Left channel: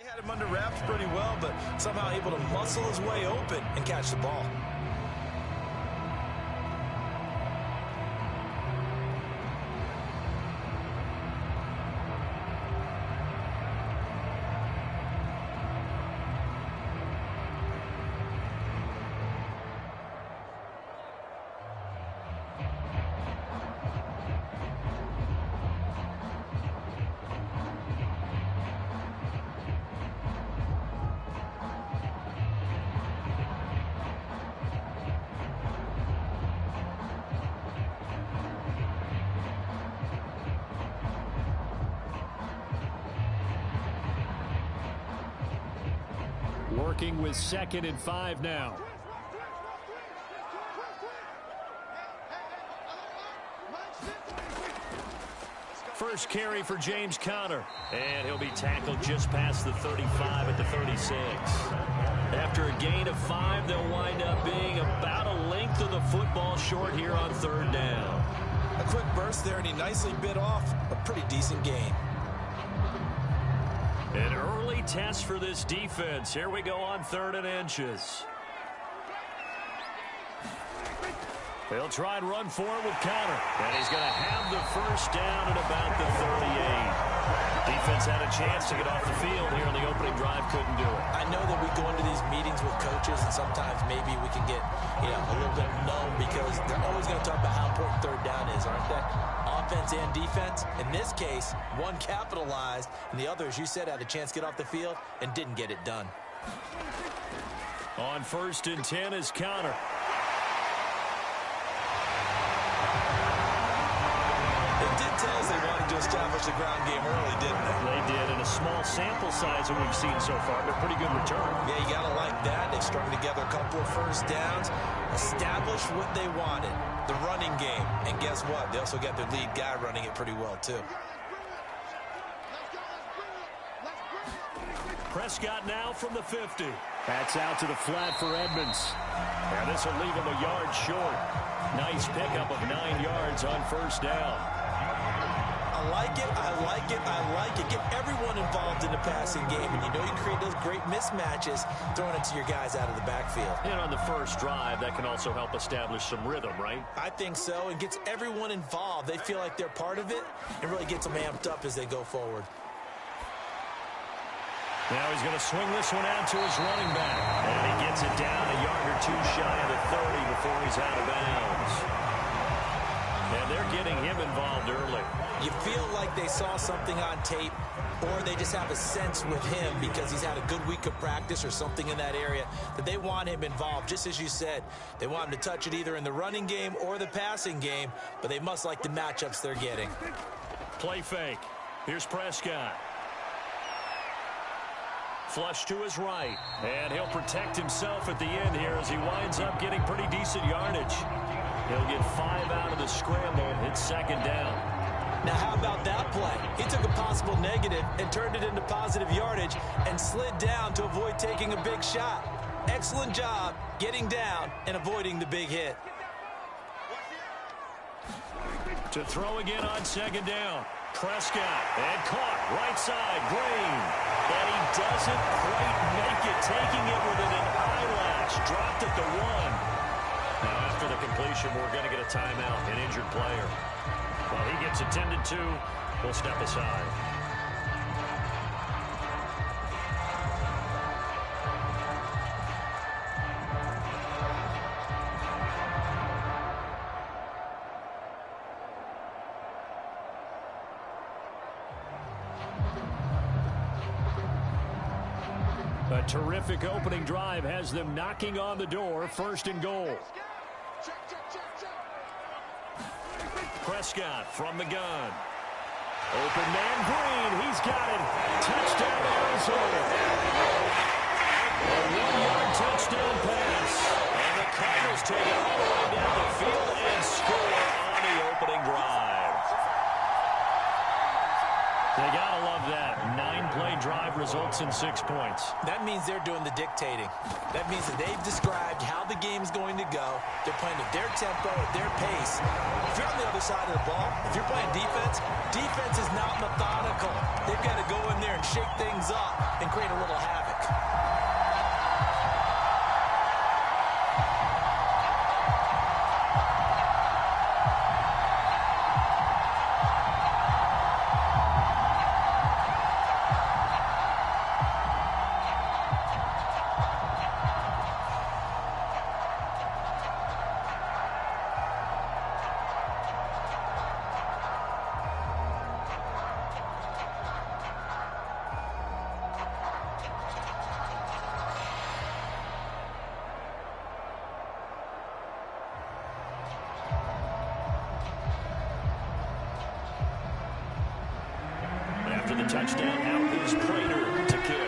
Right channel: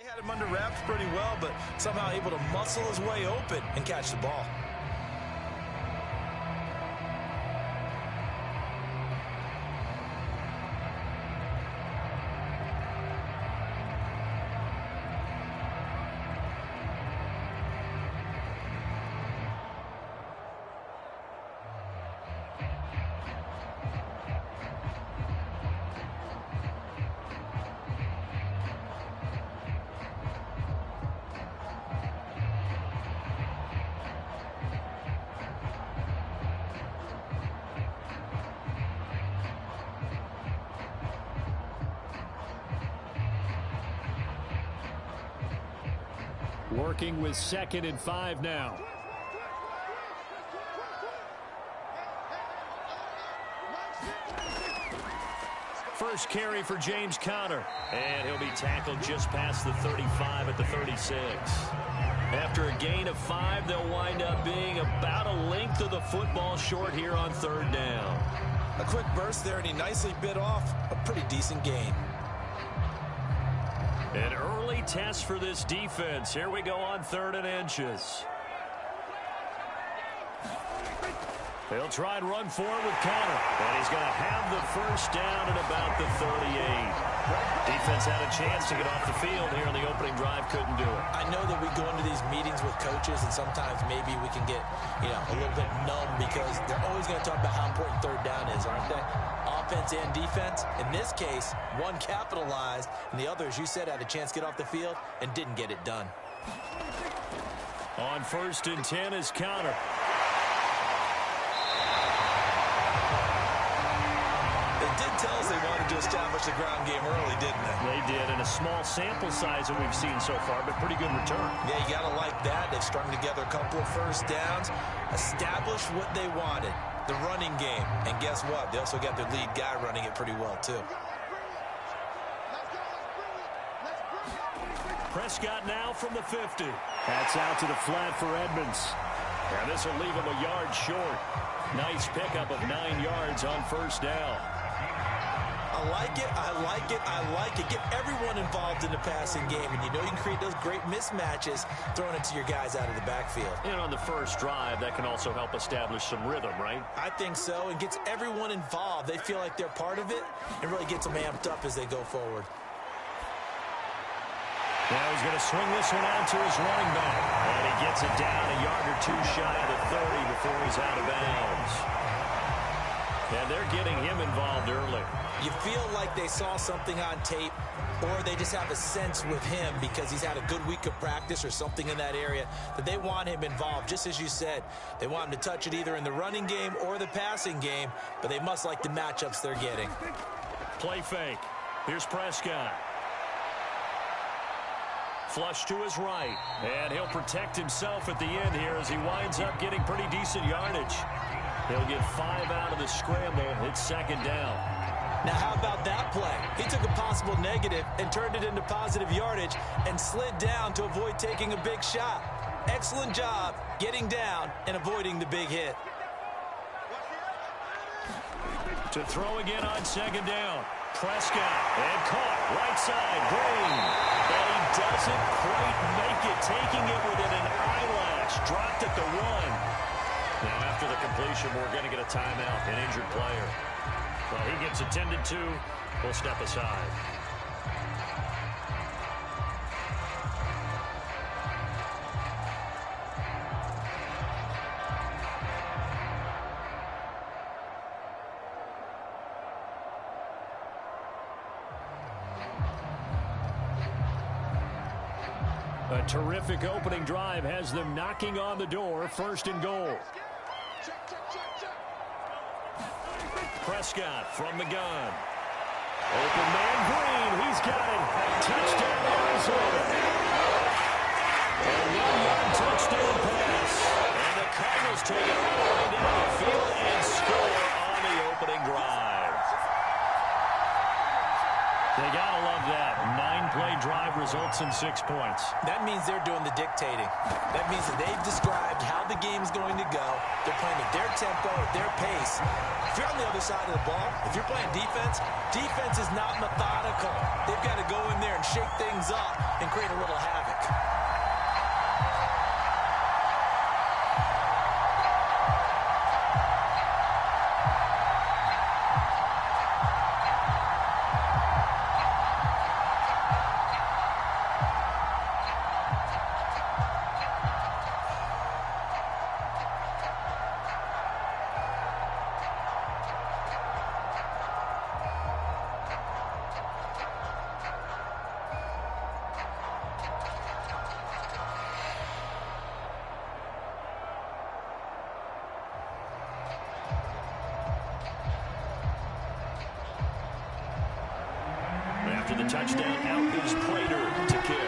They had him under wraps pretty well, but somehow able to muscle his way open and catch the ball. Working with 2nd and 5 now. First carry for James Conner. And he'll be tackled just past the 35 at the 36. After a gain of 5, they'll wind up being about a length of the football short here on 3rd down. A quick burst there, and he nicely bit off a pretty decent gain. An early test for this defense. Here we go on 3rd and inches. He'll try and run forward with Conner. And he's going to have the first down at about the 38. Defense had a chance to get off the field here on the opening drive. Couldn't do it. I know that we go into these meetings with coaches, and sometimes maybe we can get, a little bit numb because they're always going to talk about how important 3rd down is, aren't they? Offense and defense. In this case, one capitalized, and the other, as you said, had a chance to get off the field and didn't get it done. On 1st and 10 is Conner. They did tell us they wanted to establish the ground game early, didn't they? They did, and a small sample size that we've seen so far, but pretty good return. Yeah, you got to like that. They've strung together a couple of first downs, established what they wanted, the running game. And guess what? They also got their lead guy running it pretty well, too. Prescott now from the 50. That's out to the flat for Edmonds. And this will leave him a yard short. Nice pickup of 9 yards on 1st down. I like it, I like it, I like it. Get everyone involved in the passing game, and you know you can create those great mismatches throwing it to your guys out of the backfield. And on the first drive, that can also help establish some rhythm, right? I think so, and gets everyone involved. They feel like they're part of it, and really gets them amped up as they go forward. Now he's going to swing this one out to his running back. And he gets it down a yard or 2 shy of the 30 before he's out of bounds. And they're getting him involved early. You feel like they saw something on tape, or they just have a sense with him because he's had a good week of practice or something in that area that they want him involved. Just as you said, they want him to touch it either in the running game or the passing game, but they must like the matchups they're getting. Play fake. Here's Prescott. Flush to his right, and he'll protect himself at the end here as he winds up getting pretty decent yardage. He'll get 5 out of the scramble. It's 2nd down. Now, how about that play? He took a possible negative and turned it into positive yardage and slid down to avoid taking a big shot. Excellent job getting down and avoiding the big hit. To throw again on 2nd down. Prescott, and caught, right side, Green. And he doesn't quite make it, taking it within an eyelash. Dropped at the 1. Now, after the completion, we're going to get a timeout, an injured player. Well, he gets attended to. We'll step aside. A terrific opening drive has them knocking on the door. 1st and goal. Prescott from the gun. Open man Green. He's got it. Touchdown Arizona. A 1-yard touchdown pass. And the Cardinals take it all the way down the field and score on the opening drive. They got to love that. 9-play drive results in 6 points. That means they're doing the dictating. That means that they've described how the game's going to go. They're playing at their tempo, at their pace. If you're on the other side of the ball, if you're playing defense, defense is not methodical. They've got to go in there and shake things up and create a little havoc. After the touchdown, out is Prater to kick.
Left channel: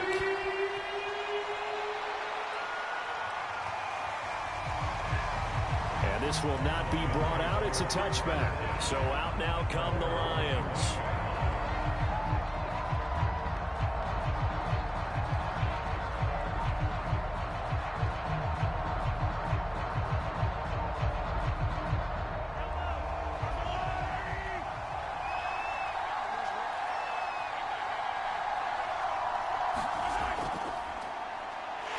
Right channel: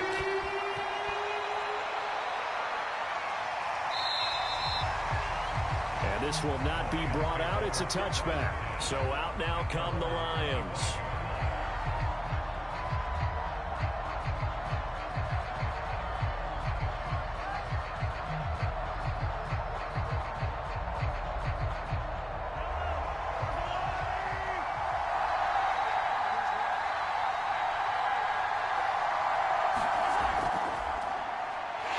And this will not be brought out. It's a touchback. So out now come the Lions.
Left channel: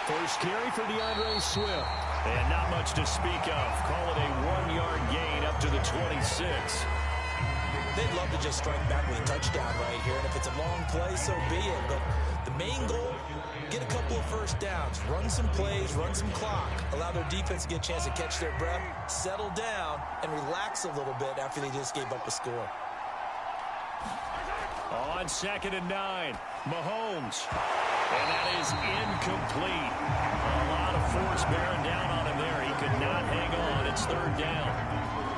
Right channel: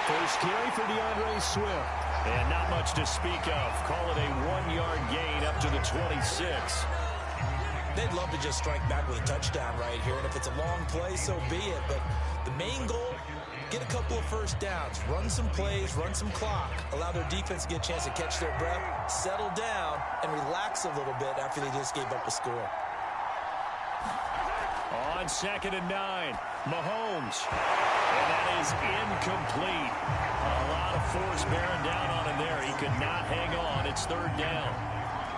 First carry for DeAndre Swift. And not much to speak of. Call it a 1-yard gain up to the 26. They'd love to just strike back with a touchdown right here. And if it's a long play, so be it. But the main goal, get a couple of first downs. Run some plays, run some clock. Allow their defense to get a chance to catch their breath, settle down, and relax a little bit after they just gave up a score. On 2nd and 9, Mahomes. And that is incomplete. A lot of force bearing down on him there. He could not hang on. It's 3rd down.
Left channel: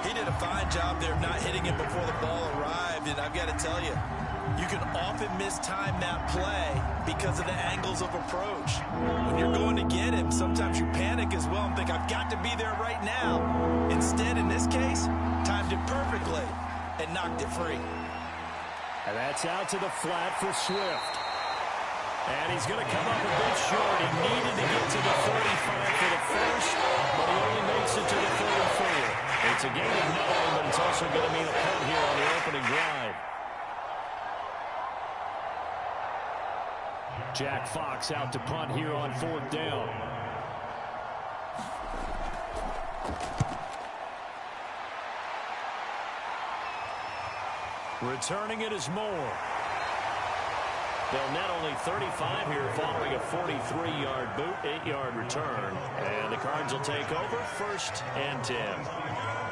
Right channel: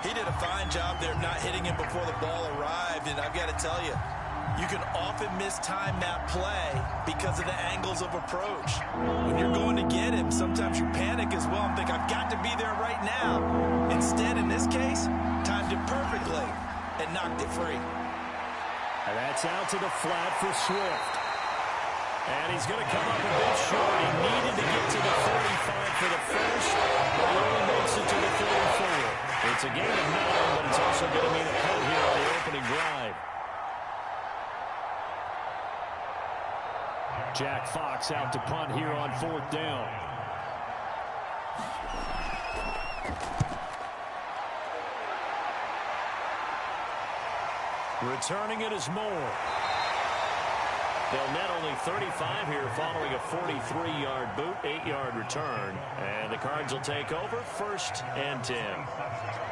He did a fine job there of not hitting him before the ball arrived. And I've got to tell you, you can often mistime that play because of the angles of approach. When you're going to get him, sometimes you panic as well and think, I've got to be there right now. Instead, in this case, timed it perfectly and knocked it free. And that's out to the flat for Swift. And he's going to come up a bit short. He needed to get to the 35 for the first, but he only makes it to the 34. It's a gain of 9, but it's also going to mean a punt here on the opening drive. Jack Fox out to punt here on 4th down. Returning it is Moore. They'll net only 35 here following a 43-yard boot, 8-yard return. And the Cards will take over 1st and 10.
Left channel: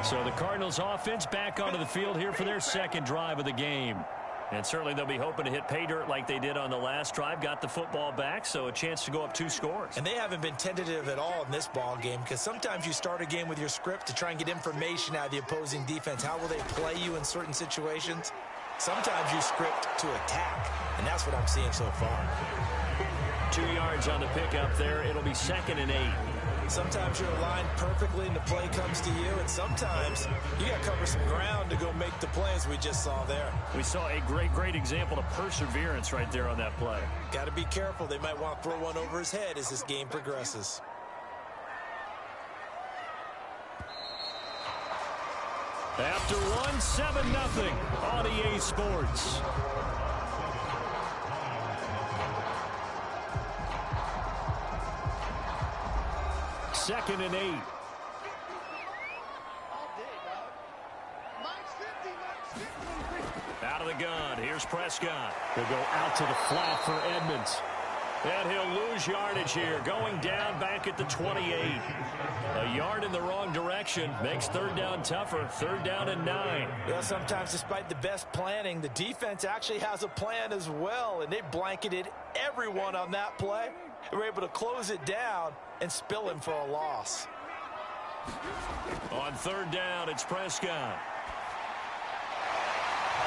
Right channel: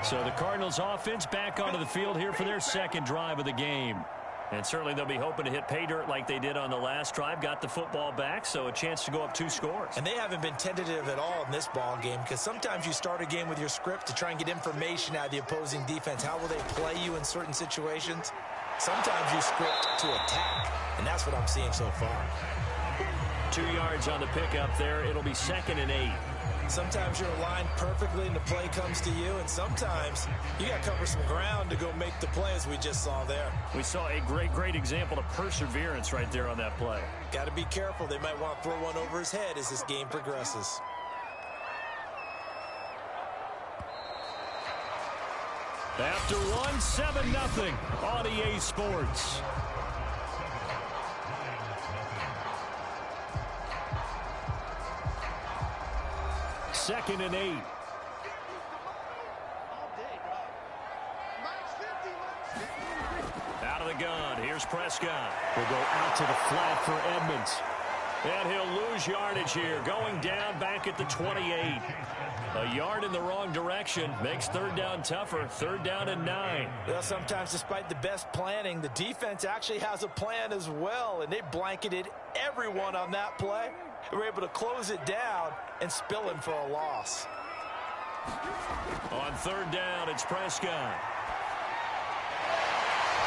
So the Cardinals offense back onto the field here for their 2nd drive of the game. And certainly they'll be hoping to hit pay dirt like they did on the last drive. Got the football back, so a chance to go up 2 scores. And they haven't been tentative at all in this ball game because sometimes you start a game with your script to try and get information out of the opposing defense. How will they play you in certain situations? Sometimes you script to attack, and that's what I'm seeing so far. 2 yards on the pickup there. It'll be 2nd and 8. Sometimes you're aligned perfectly and the play comes to you, and sometimes you got to cover some ground to go make the play, as we just saw there. We saw a great example of perseverance right there on that play. Got to be careful. They might want to throw one over his head as this game progresses. After 7-0 on EA Sports. Second and 8. Out of the gun. Here's Prescott. They'll go out to the flat for Edmonds. And he'll lose yardage here. Going down back at the 28. A yard in the wrong direction makes 3rd down tougher. 3rd down and 9. Well, sometimes despite the best planning, the defense actually has a plan as well, and they blanketed everyone on that play. They were able to close it down and spill him for a loss. On 3rd down, it's Prescott.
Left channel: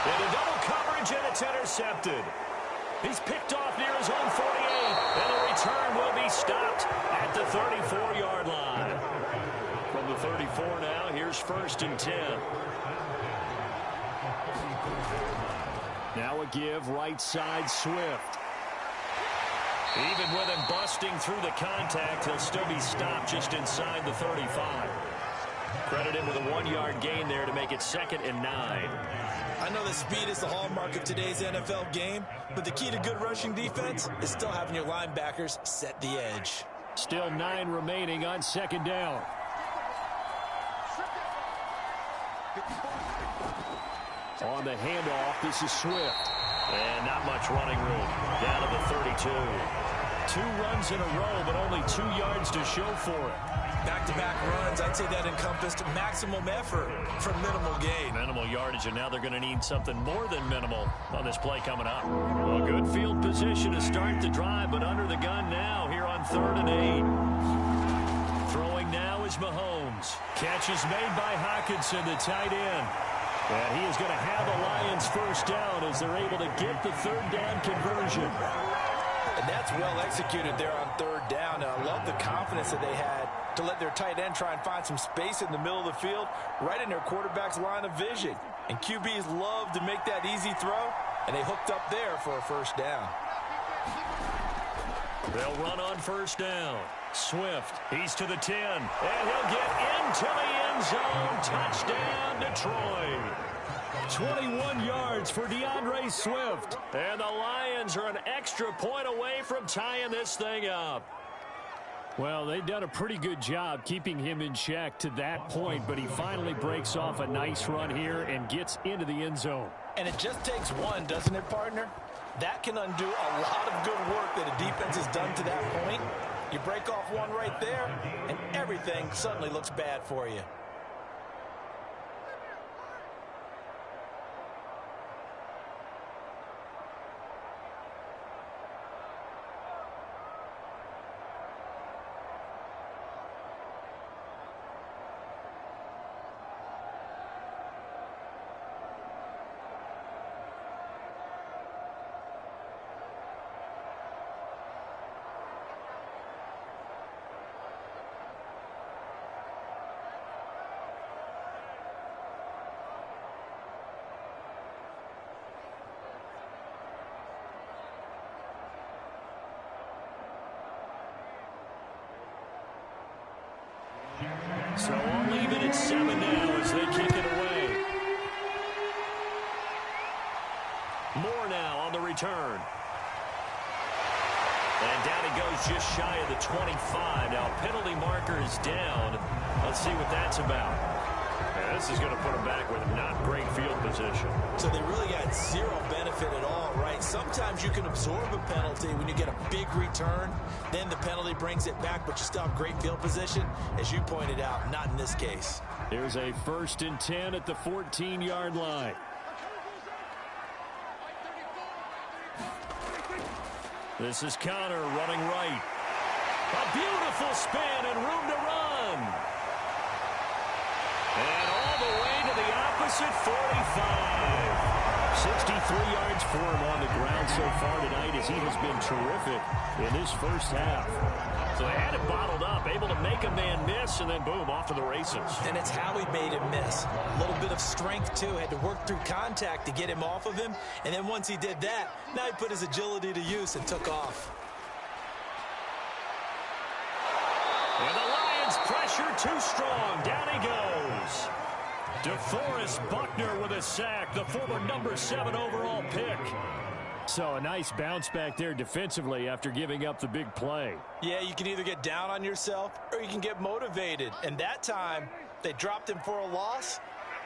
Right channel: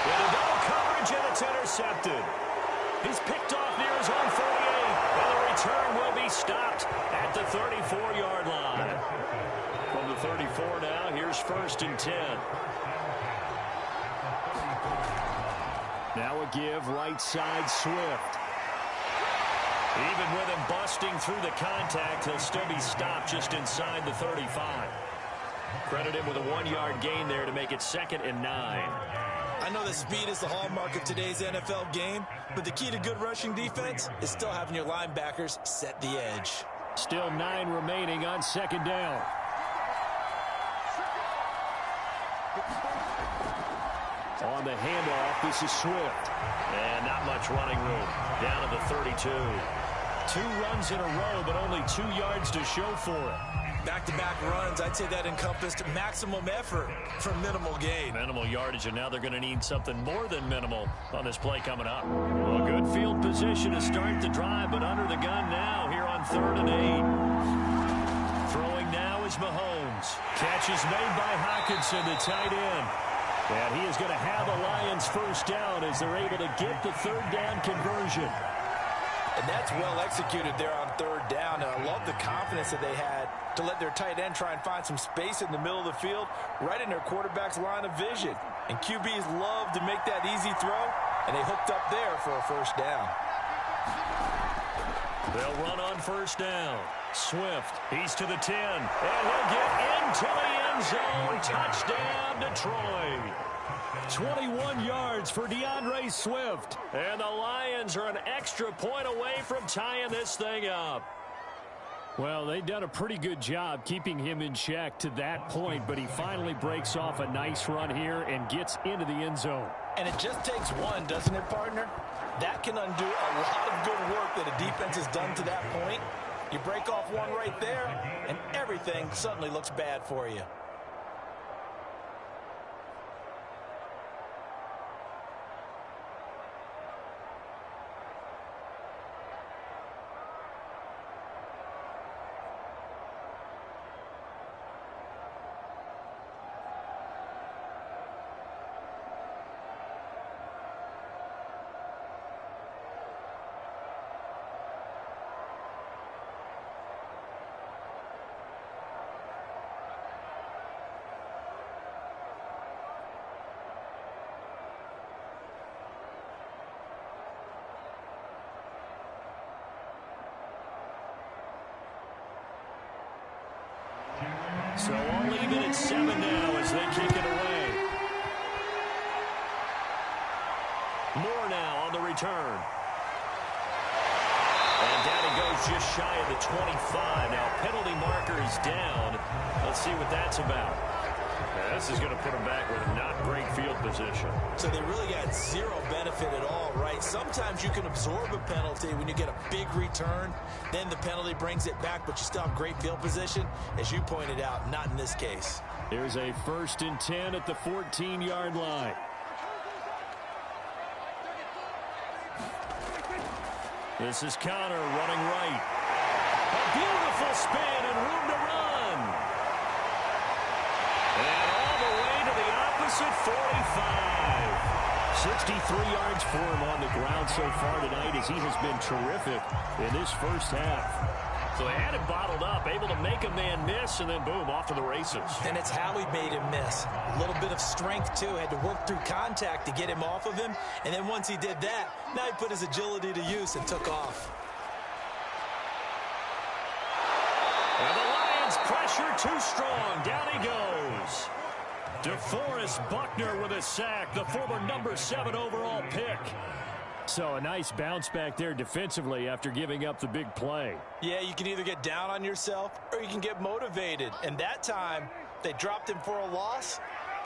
Into double coverage, and it's intercepted. He's picked off near his own 48, and the return will be stopped at the 34-yard line. From the 34 now, here's 1st and 10. Now a give right side Swift. Even with him busting through the contact, he'll still be stopped just inside the 35. Credit him with a 1-yard gain there to make it 2nd and 9. I know that speed is the hallmark of today's NFL game, but the key to good rushing defense is still having your linebackers set the edge. Still 9 remaining on 2nd down. On the handoff, this is Swift. And not much running room. Down to the 32. 2 runs in a row, but only 2 yards to show for it. Back-to-back runs, I'd say that encompassed maximum effort for minimal gain. Minimal yardage, and now they're going to need something more than minimal on this play coming up. Well, good field position to start the drive, but under the gun now here on 3rd and 8. Throwing now is Mahomes. Catch is made by Hockenson, the tight end. And he is going to have a Lions first down as they're able to get the 3rd down conversion. And that's well executed there on 3rd down. And I love the confidence that they had to let their tight end try and find some space in the middle of the field, right in their quarterback's line of vision. And QBs love to make that easy throw, and they hooked up there for a first down. They'll run on first down. Swift, he's to the 10, and he'll get into the end zone. Touchdown, Detroit. 21 yards for DeAndre Swift. And the Lions are an extra point away from tying this thing up. Well, they've done a pretty good job keeping him in check to that point, but he finally breaks off a nice run here and gets into the end zone. And it just takes one, doesn't it, partner? That can undo a lot of good work that a defense has done to that point. You break off one right there, and everything suddenly looks bad for you. So I'll leave it at 7 now as they kick it away. Moore now on the return. And down he goes just shy of the 25. Now penalty marker is down. Let's see what that's about. Yeah, this is going to put them back with not great field position. So they really got zero benefit at all, right? Sometimes you can absorb a penalty when you get a big return. Then the penalty brings it back, but you still have great field position. As you pointed out, not in this case. Here's a 1st and 10 at the 14-yard line. This is Connor running right. A beautiful spin and room to run. And all the way to the opposite 45. 63 yards for him on the ground so far tonight as he has been terrific in this first half. So they had it bottled up, able to make a man miss, and then boom, off to the races. And it's how he made him miss. A little bit of strength, too. Had to work through contact to get him off of him. And then once he did that, now he put his agility to use and took off. And the Lions pressure too strong. Down he goes. DeForest Buckner with a sack, the former number 7 overall pick. So a nice bounce back there defensively after giving up the big play. Yeah, you can either get down on yourself or you can get motivated. And that time, they dropped him for a loss.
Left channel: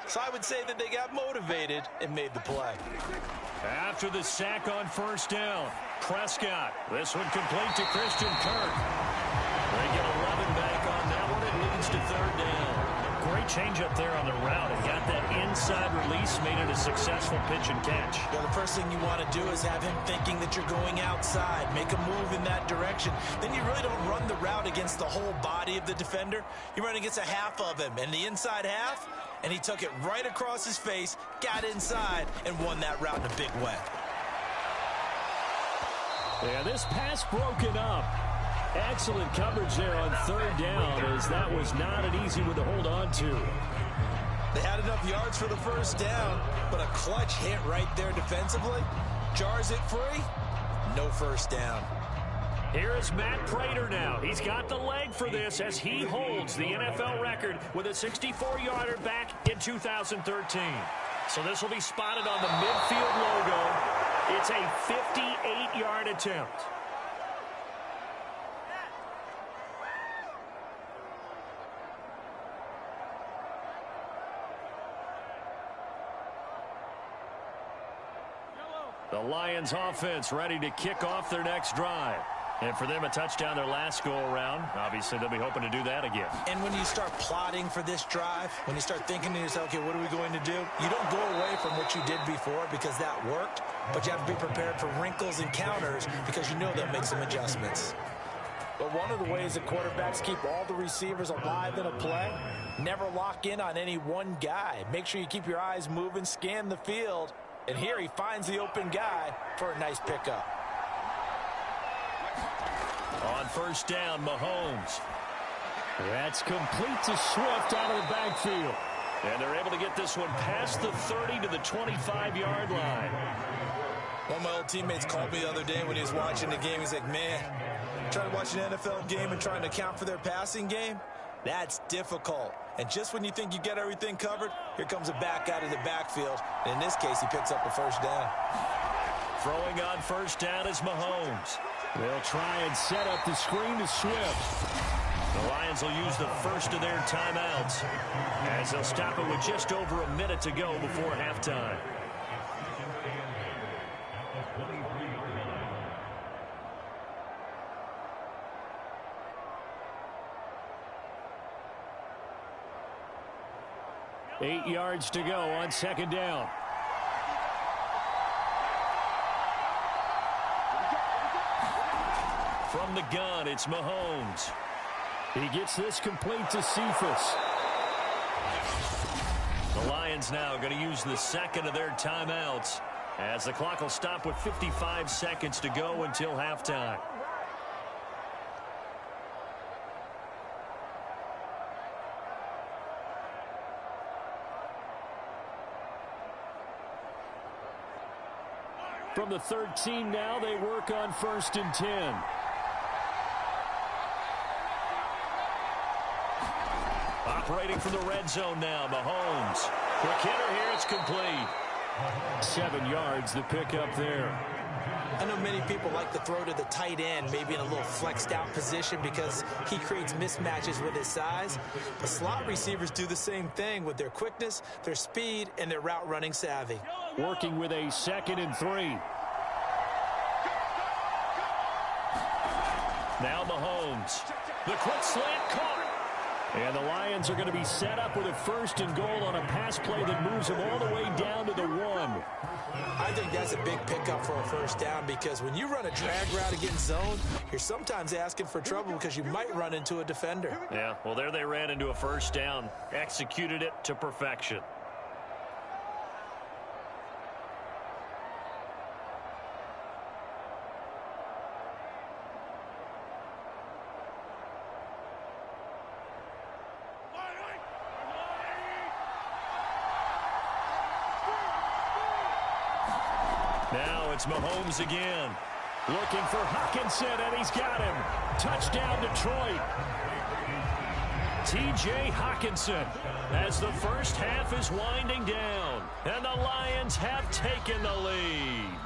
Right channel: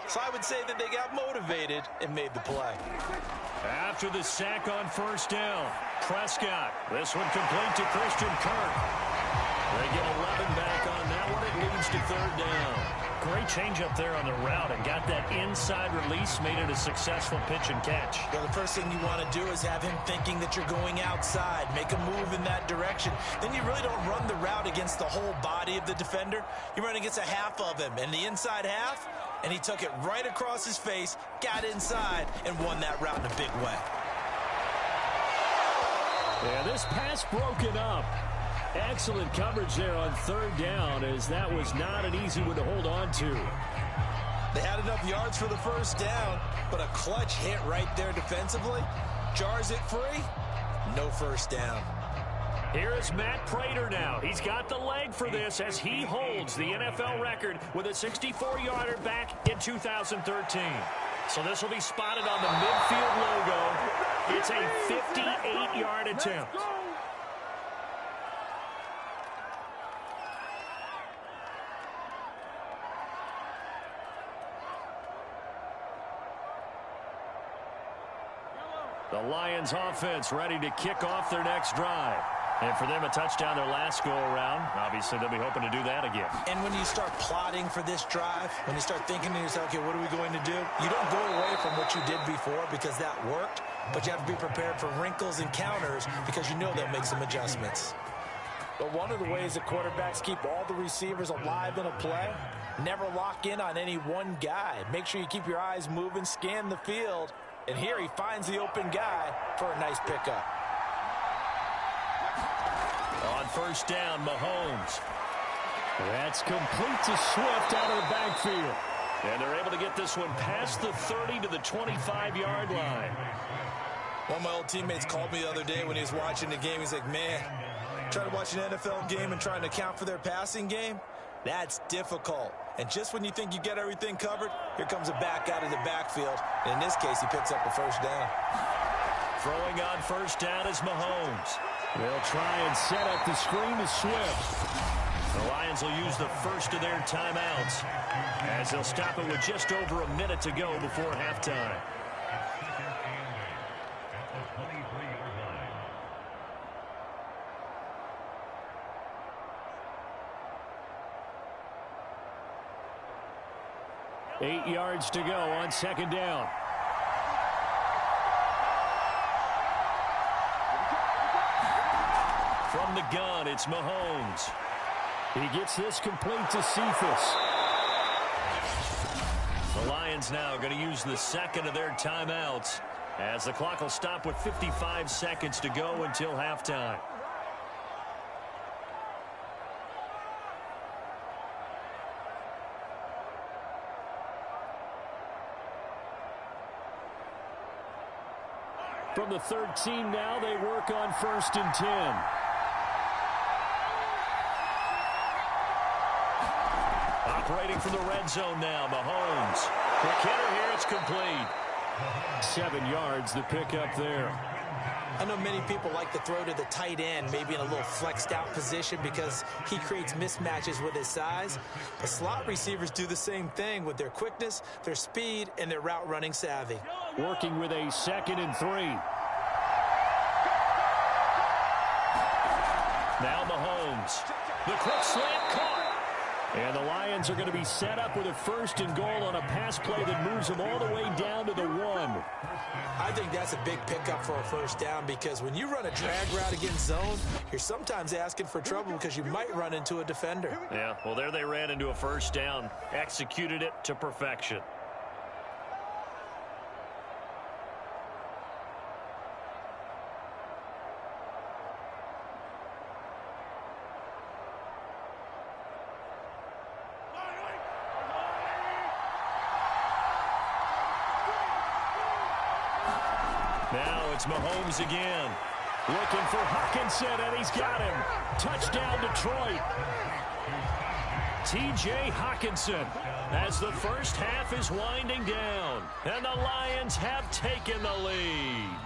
So I would say that they got motivated and made the play. After the sack on first down, Prescott. This one complete to Christian Kirk. They get 11 back on that one. It leads to 3rd down. Great change up there on the route and got that inside release, made it a successful pitch and catch. Yeah, the first thing you want to do is have him thinking that you're going outside, make a move in that direction. Then you really don't run the route against the whole body of the defender. You run against a half of him, and the inside half, and he took it right across his face, got inside, and won that route in a big way. Yeah, this pass broken up. Excellent coverage there on 3rd down, as that was not an easy one to hold on to. They had enough yards for the first down, but a clutch hit right there defensively jars it free. No first down. Here is Matt Prater now. He's got the leg for this as he holds the NFL record with a 64-yarder back in 2013. So this will be spotted on the midfield logo. It's a 58-yard attempt. The Lions offense ready to kick off their next drive. And for them, a touchdown their last go-around. Obviously, they'll be hoping to do that again. And when you start plotting for this drive, when you start thinking to yourself, okay, what are we going to do? You don't go away from what you did before because that worked, but you have to be prepared for wrinkles and counters because you know they'll make some adjustments. But one of the ways that quarterbacks keep all the receivers alive in a play, never lock in on any one guy. Make sure you keep your eyes moving, scan the field, and here he finds the open guy for a nice pickup. On first down, Mahomes. That's complete to Swift out of the backfield. And they're able to get this one past the 30 to the 25-yard line. One of my old teammates called me the other day when he was watching the game. He's like, man, trying to watch an NFL game and trying to account for their passing game, that's difficult. And just when you think you get everything covered, here comes a back out of the backfield. And in this case, he picks up a first down. Throwing on first down is Mahomes. They'll try and set up the screen to Swift. The Lions will use the first of their timeouts as they'll stop it with just over a minute to go before halftime. Eight yards to go on second down. From the gun, it's Mahomes. He gets this complete to Cephas. The Lions now going to use the second of their timeouts as the clock will stop with 55 seconds to go until halftime. From the 13 now, they work on first and 10. Operating from the red zone now, Mahomes. Quick hitter here, it's complete. 7 yards, the pickup there. I know many people like to throw to the tight end, maybe in a little flexed out position because he creates mismatches with his size. But slot receivers do the same thing with their quickness, their speed, and their route running savvy. Working with a 2nd and 3. Now Mahomes. The quick slant caught. And the Lions are going to be set up with a first and goal on a pass play that moves them all the way down to the 1. I think that's a big pickup for a first down because when you run a drag route against zone, you're sometimes asking for trouble because you might run into a defender. Yeah, well, there they ran into a first down. Executed it to perfection. Now it's Mahomes again. Looking for Hockenson, and he's got him. Touchdown, Detroit. T.J. Hockenson As the first half is winding down, and the Lions have taken the lead.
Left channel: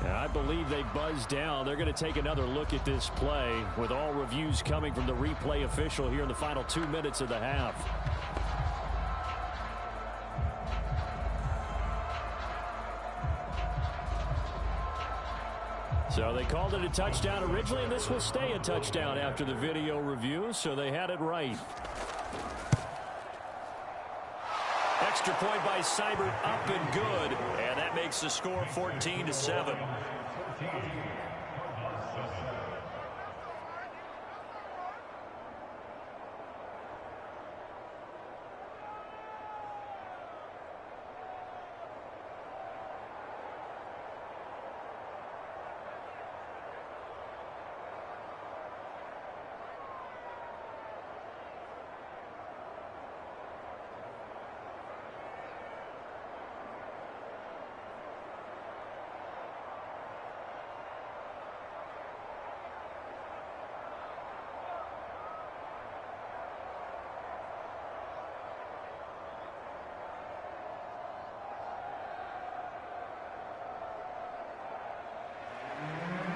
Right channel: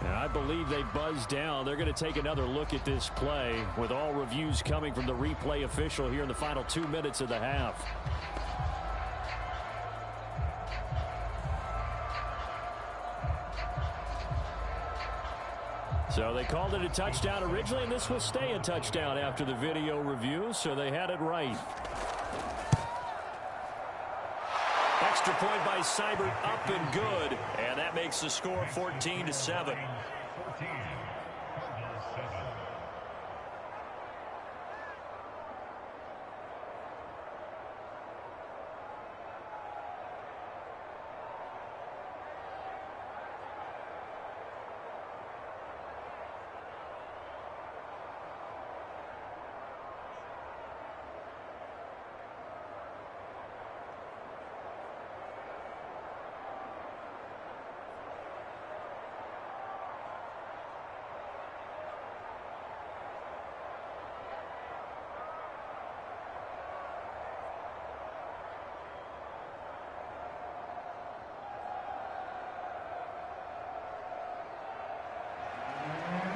And I believe they buzzed down. They're going to take another look at this play with all reviews coming from the replay official here in the final 2 minutes of the half. So they called it a touchdown originally, and this will stay a touchdown after the video review, so they had it right. Extra point by Seibert, up and good, and that makes the score 14-7.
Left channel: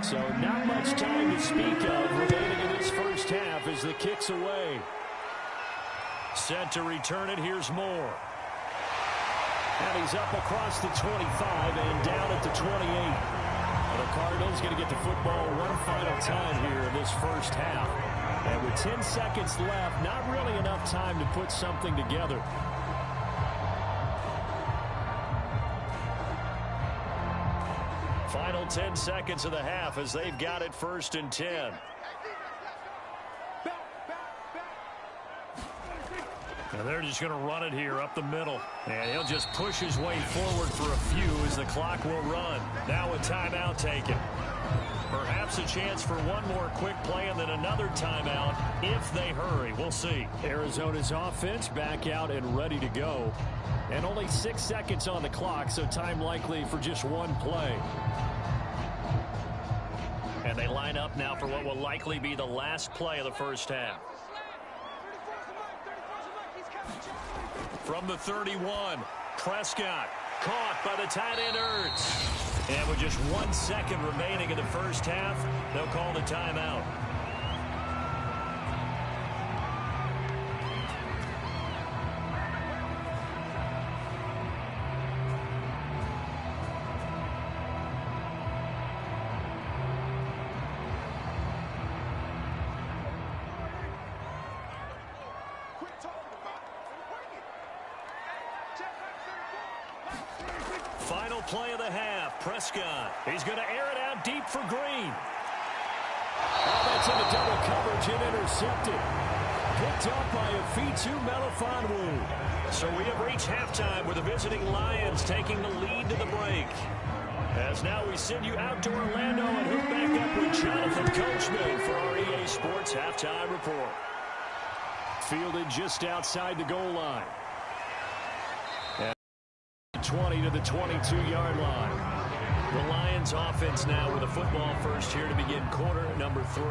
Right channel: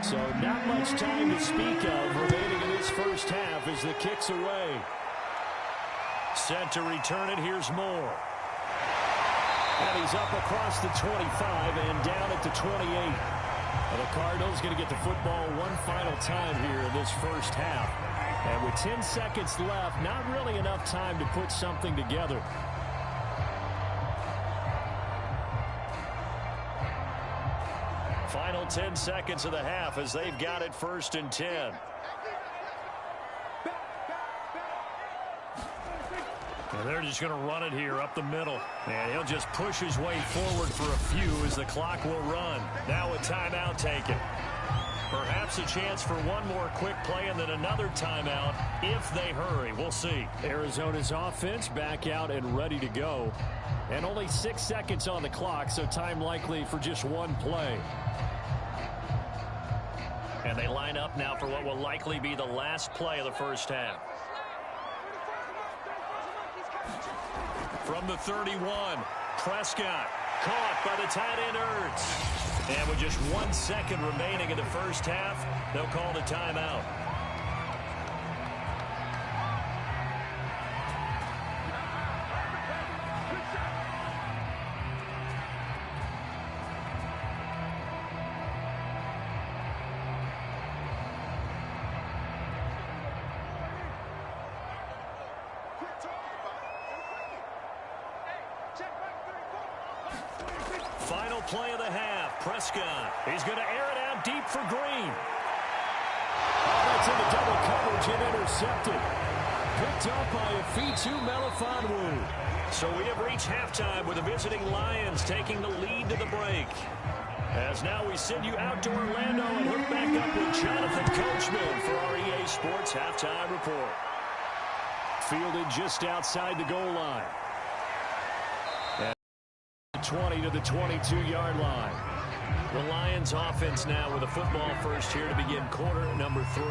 So not much time to speak of remaining in this first half as the kick's away. Set to return it. Here's Moore. And he's up across the 25 and down at the 28. The Cardinals going to get the football one final time here in this first half. And with 10 seconds left, not really enough time to put something together. Final 10 seconds of the half as they've got it 1st and 10. And they're just going to run it here up the middle. And he'll just push his way forward for a few as the clock will run. Now a timeout taken. Perhaps a chance for one more quick play and then another timeout if they hurry. We'll see. Arizona's offense back out and ready to go. And only 6 seconds on the clock, so time likely for just one play. And they line up now for what will likely be the last play of the first half. From the 31, Prescott caught by the tight end Ertz. And with just 1 second remaining in the first half, they'll call the timeout. Final play of the half. Prescott. He's going to air it out deep for Green. Oh, that's into double coverage and intercepted. Picked up by a Fitu Melifonwu. So we have reached halftime with the visiting Lions taking the lead to the break. As now we send you out to Orlando and hook back up with Jonathan Coachman for our EA Sports Halftime Report. Fielded just outside the goal line. 20 to the 22-yard line. The Lions offense now with a football first here to begin quarter number 3.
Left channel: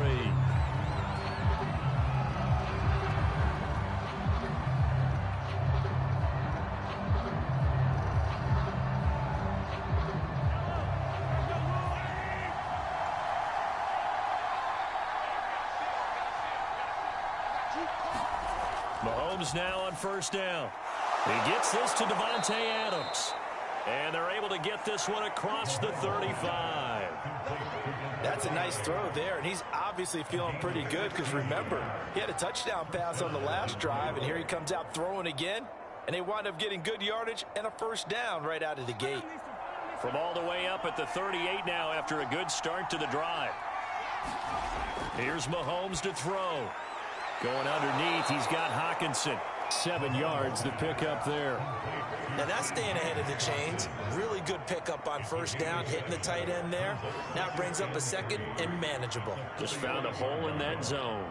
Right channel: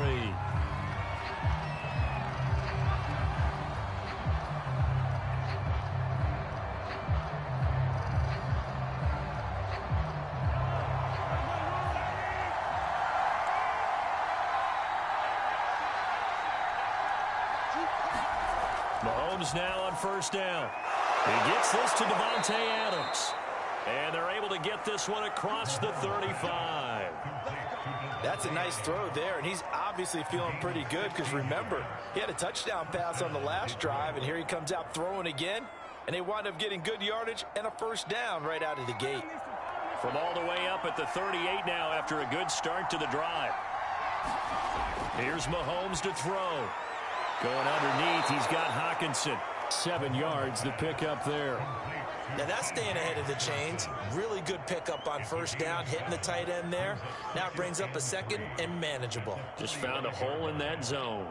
Mahomes now on first down. He gets this to Devontae Adams. And they're able to get this one across the 35. That's a nice throw there, and he's obviously feeling pretty good because, remember, he had a touchdown pass on the last drive, and here he comes out throwing again, and they wind up getting good yardage and a first down right out of the gate. From all the way up at the 38 now after a good start to the drive. Here's Mahomes to throw. Going underneath, he's got Hockenson. 7 yards to pick up there. Now that's staying ahead of the chains. Really good pickup on first down, hitting the tight end there. Now it brings up a second and manageable. Just found a hole in that zone.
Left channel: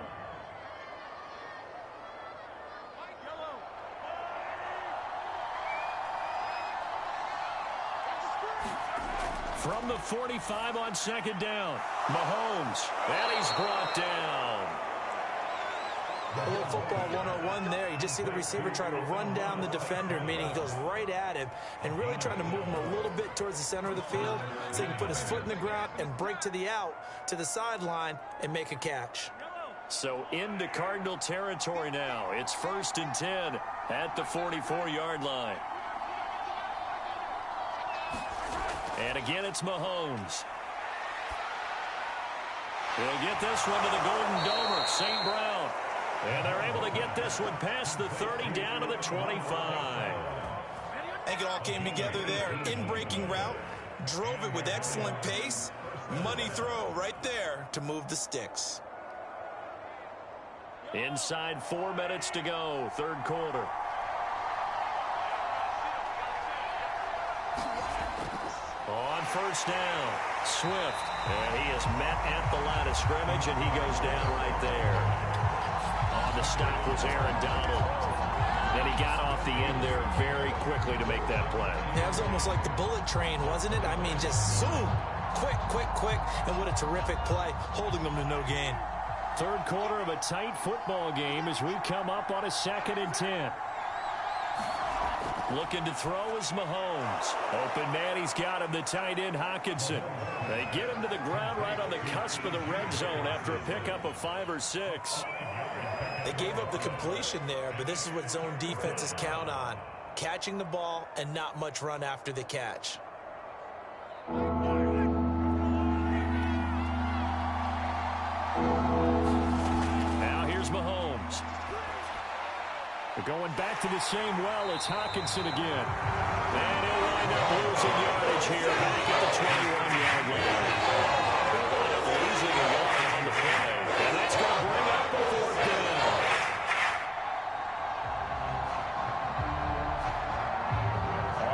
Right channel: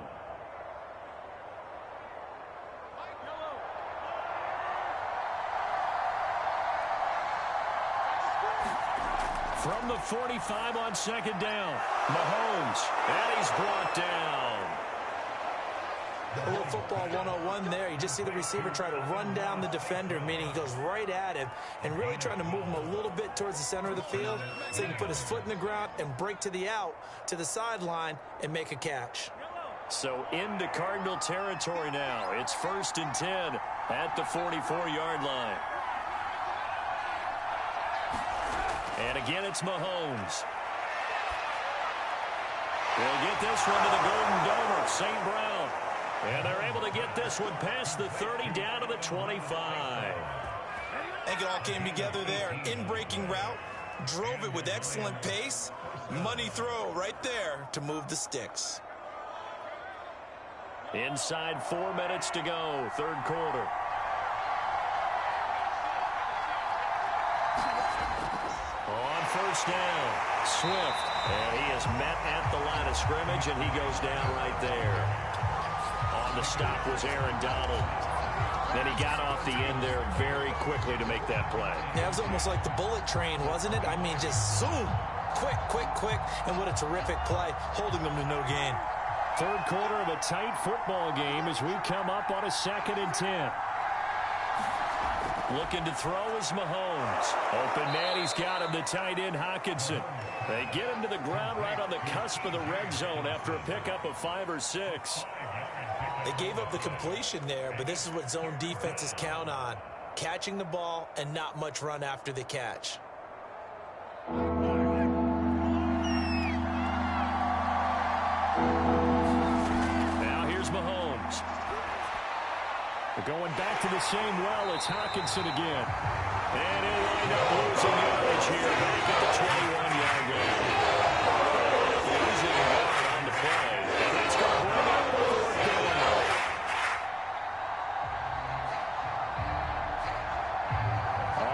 From the 45 on second down, Mahomes, and he's brought down. A little football 101 there. You just see the receiver try to run down the defender, meaning he goes right at him and really trying to move him a little bit towards the center of the field so he can put his foot in the ground and break to the out, to the sideline, and make a catch. So into Cardinal territory now. It's 1st and 10 at the 44-yard line. And again, it's Mahomes. He'll get this one to the Golden Domer, St. Brown. And they're able to get this one past the 30 down to the 25. I think it all came together there. In-breaking route, drove it with excellent pace. Money throw right there to move the sticks. Inside 4 minutes to go, third quarter. On first down, Swift. And he is met at the line of scrimmage, and he goes down right there. On the stop was Aaron Donald. Then he got off the end there very quickly to make that play. Yeah, it was almost like the bullet train, wasn't it? I mean, just zoom. Quick, quick, quick. And what a terrific play, holding them to no gain. Third quarter of a tight football game as we come up on a 2nd and 10. Looking to throw is Mahomes. Open man, he's got him, the tight end Hockenson. They get him to the ground right on the cusp of the red zone after a pickup of 5 or 6. They gave up the completion there, but this is what zone defenses count on. Catching the ball and not much run after the catch. Now here's Mahomes. They're going back to the same well. It's Hockenson again. And he'll wind up losing yardage here back at the 21-yard line. They'll wind up losing a yard on the play. And that's going to bring up a 4th down.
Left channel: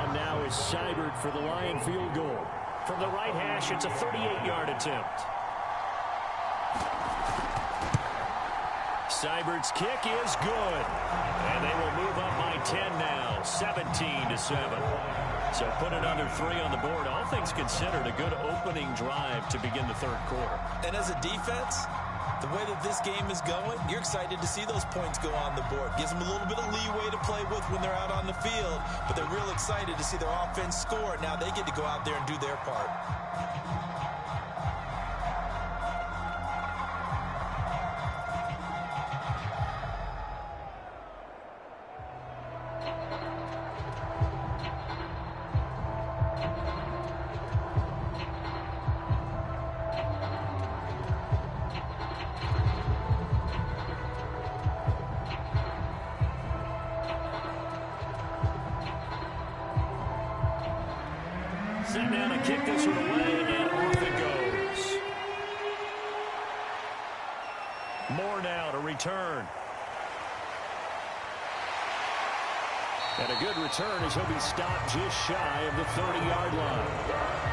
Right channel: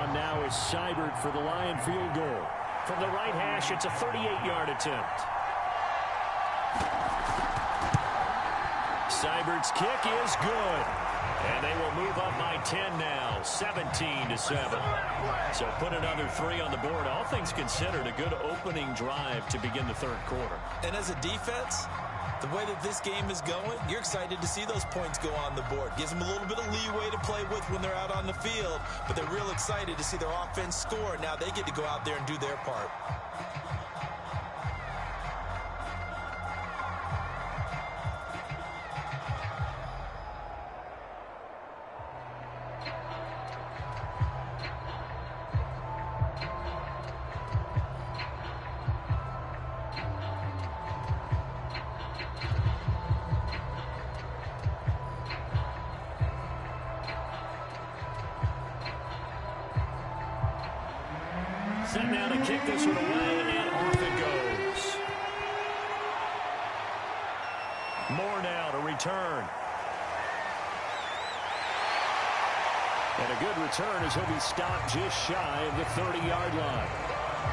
On now is Seibert for the Lion field goal. From the right hash, it's a 38-yard attempt. Seibert's kick is good. And they will move up by 10 now, 17-7. So put another 3 on the board. All things considered, a good opening drive to begin the 3rd quarter. And as a defense, the way that this game is going, you're excited to see those points go on the board. Gives them a little bit of leeway to play with when they're out on the field, but they're real excited to see their offense score. Now they get to go out there and do their part. Set now to kick this one away, and off it goes. Moore now to return. And a good return as he'll be stopped just shy of the 30-yard line.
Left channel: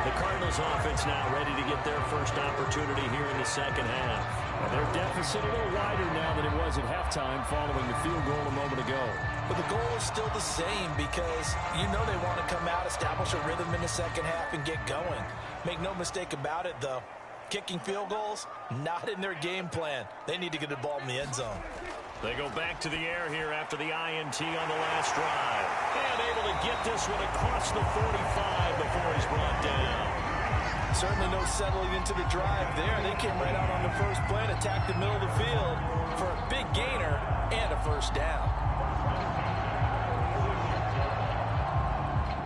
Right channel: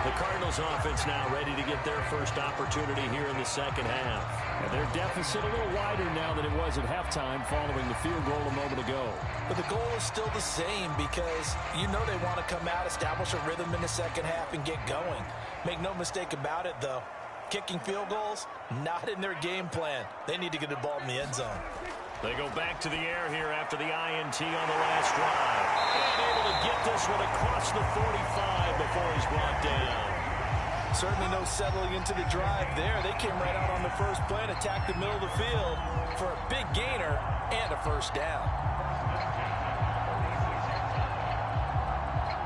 The Cardinals offense now ready to get their first opportunity here in the 2nd half. And their deficit a little wider now than it was at halftime following the field goal a moment ago. But the goal is still the same because you know they want to come out, establish a rhythm in the 2nd half, and get going. Make no mistake about it, though. Kicking field goals, not in their game plan. They need to get the ball in the end zone. They go back to the air here after the INT on the last drive. And able to get this one across the 45 before he's brought down. Certainly no settling into the drive there. They came right out on the first play and attacked the middle of the field for a big gainer and a 1st down.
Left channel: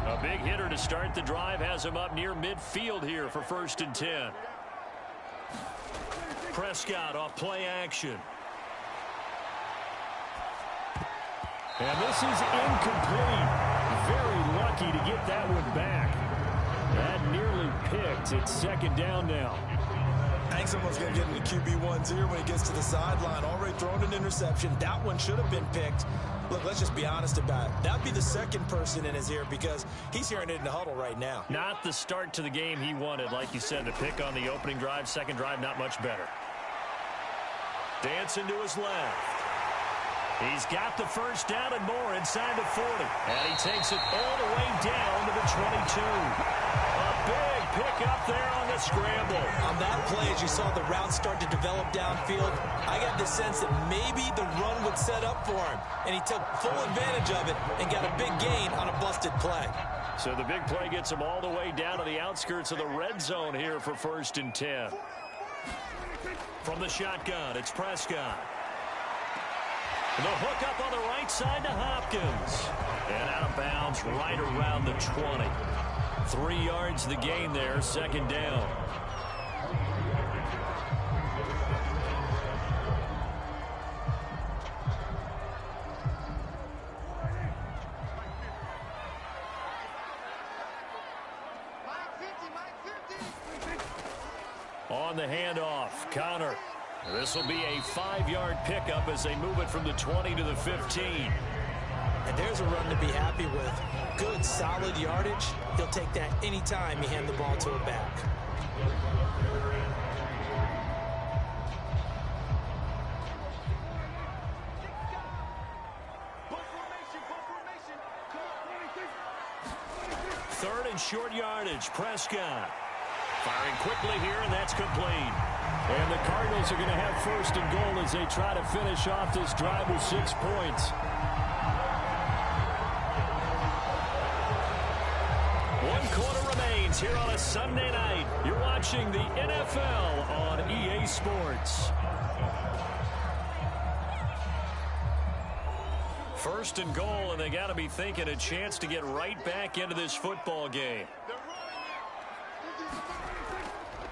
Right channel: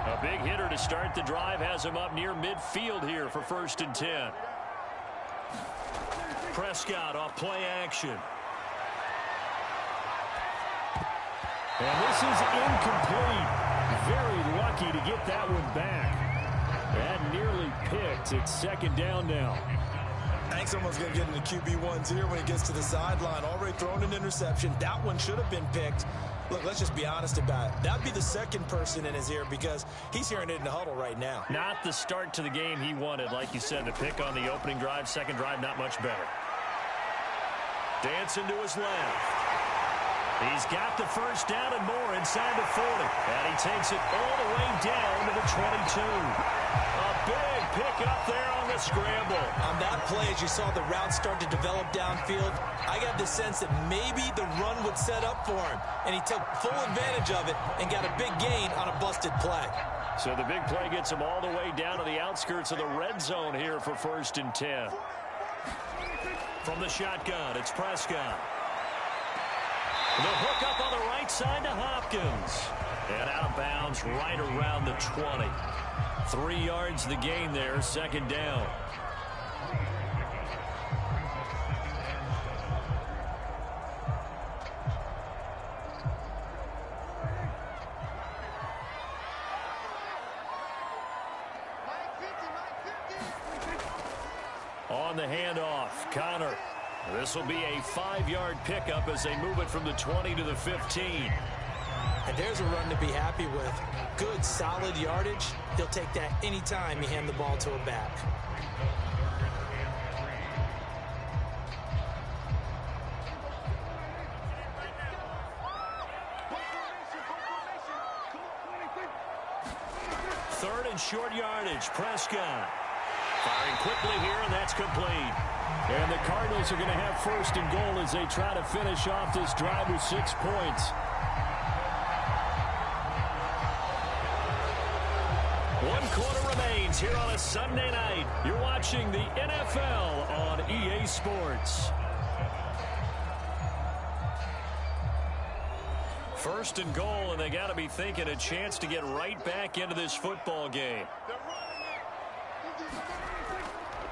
A big hitter to start the drive has him up near midfield here for 1st and 10. Prescott off play action. And this is incomplete. Very lucky to get that one back. That nearly picked. It's 2nd down now. I think someone's going to get in the QB1's ear when he gets to the sideline. Already thrown an interception. That one should have been picked. Look, let's just be honest about it. That'd be the 2nd person in his ear because he's hearing it in the huddle right now. Not the start to the game he wanted. Like you said, the pick on the opening drive, 2nd drive, not much better. Dancing to his left. He's got the 1st down and more inside the 40. And he takes it all the way down to the 22. A big pick up there on the scramble. On that play, as you saw the route start to develop downfield, I got the sense that maybe the run would set up for him. And he took full advantage of it and got a big gain on a busted play. So the big play gets him all the way down to the outskirts of the red zone here for 1st and 10. From the shotgun, it's Prescott. The hook up on the right side to Hopkins. And out of bounds right around the 20. 3 yards the gain there, 2nd down. On the handoff, Connor. This will be a 5-yard pickup as they move it from the 20 to the 15. And there's a run to be happy with. Good, solid yardage. He'll take that anytime you hand the ball to a back. Third and short yardage, Prescott. Firing quickly here, and that's complete. And the Cardinals are going to have 1st and goal as they try to finish off this drive with 6 points. One quarter remains here on a Sunday night. You're watching the NFL on EA Sports. First and goal, and they got to be thinking a chance to get right back into this football game.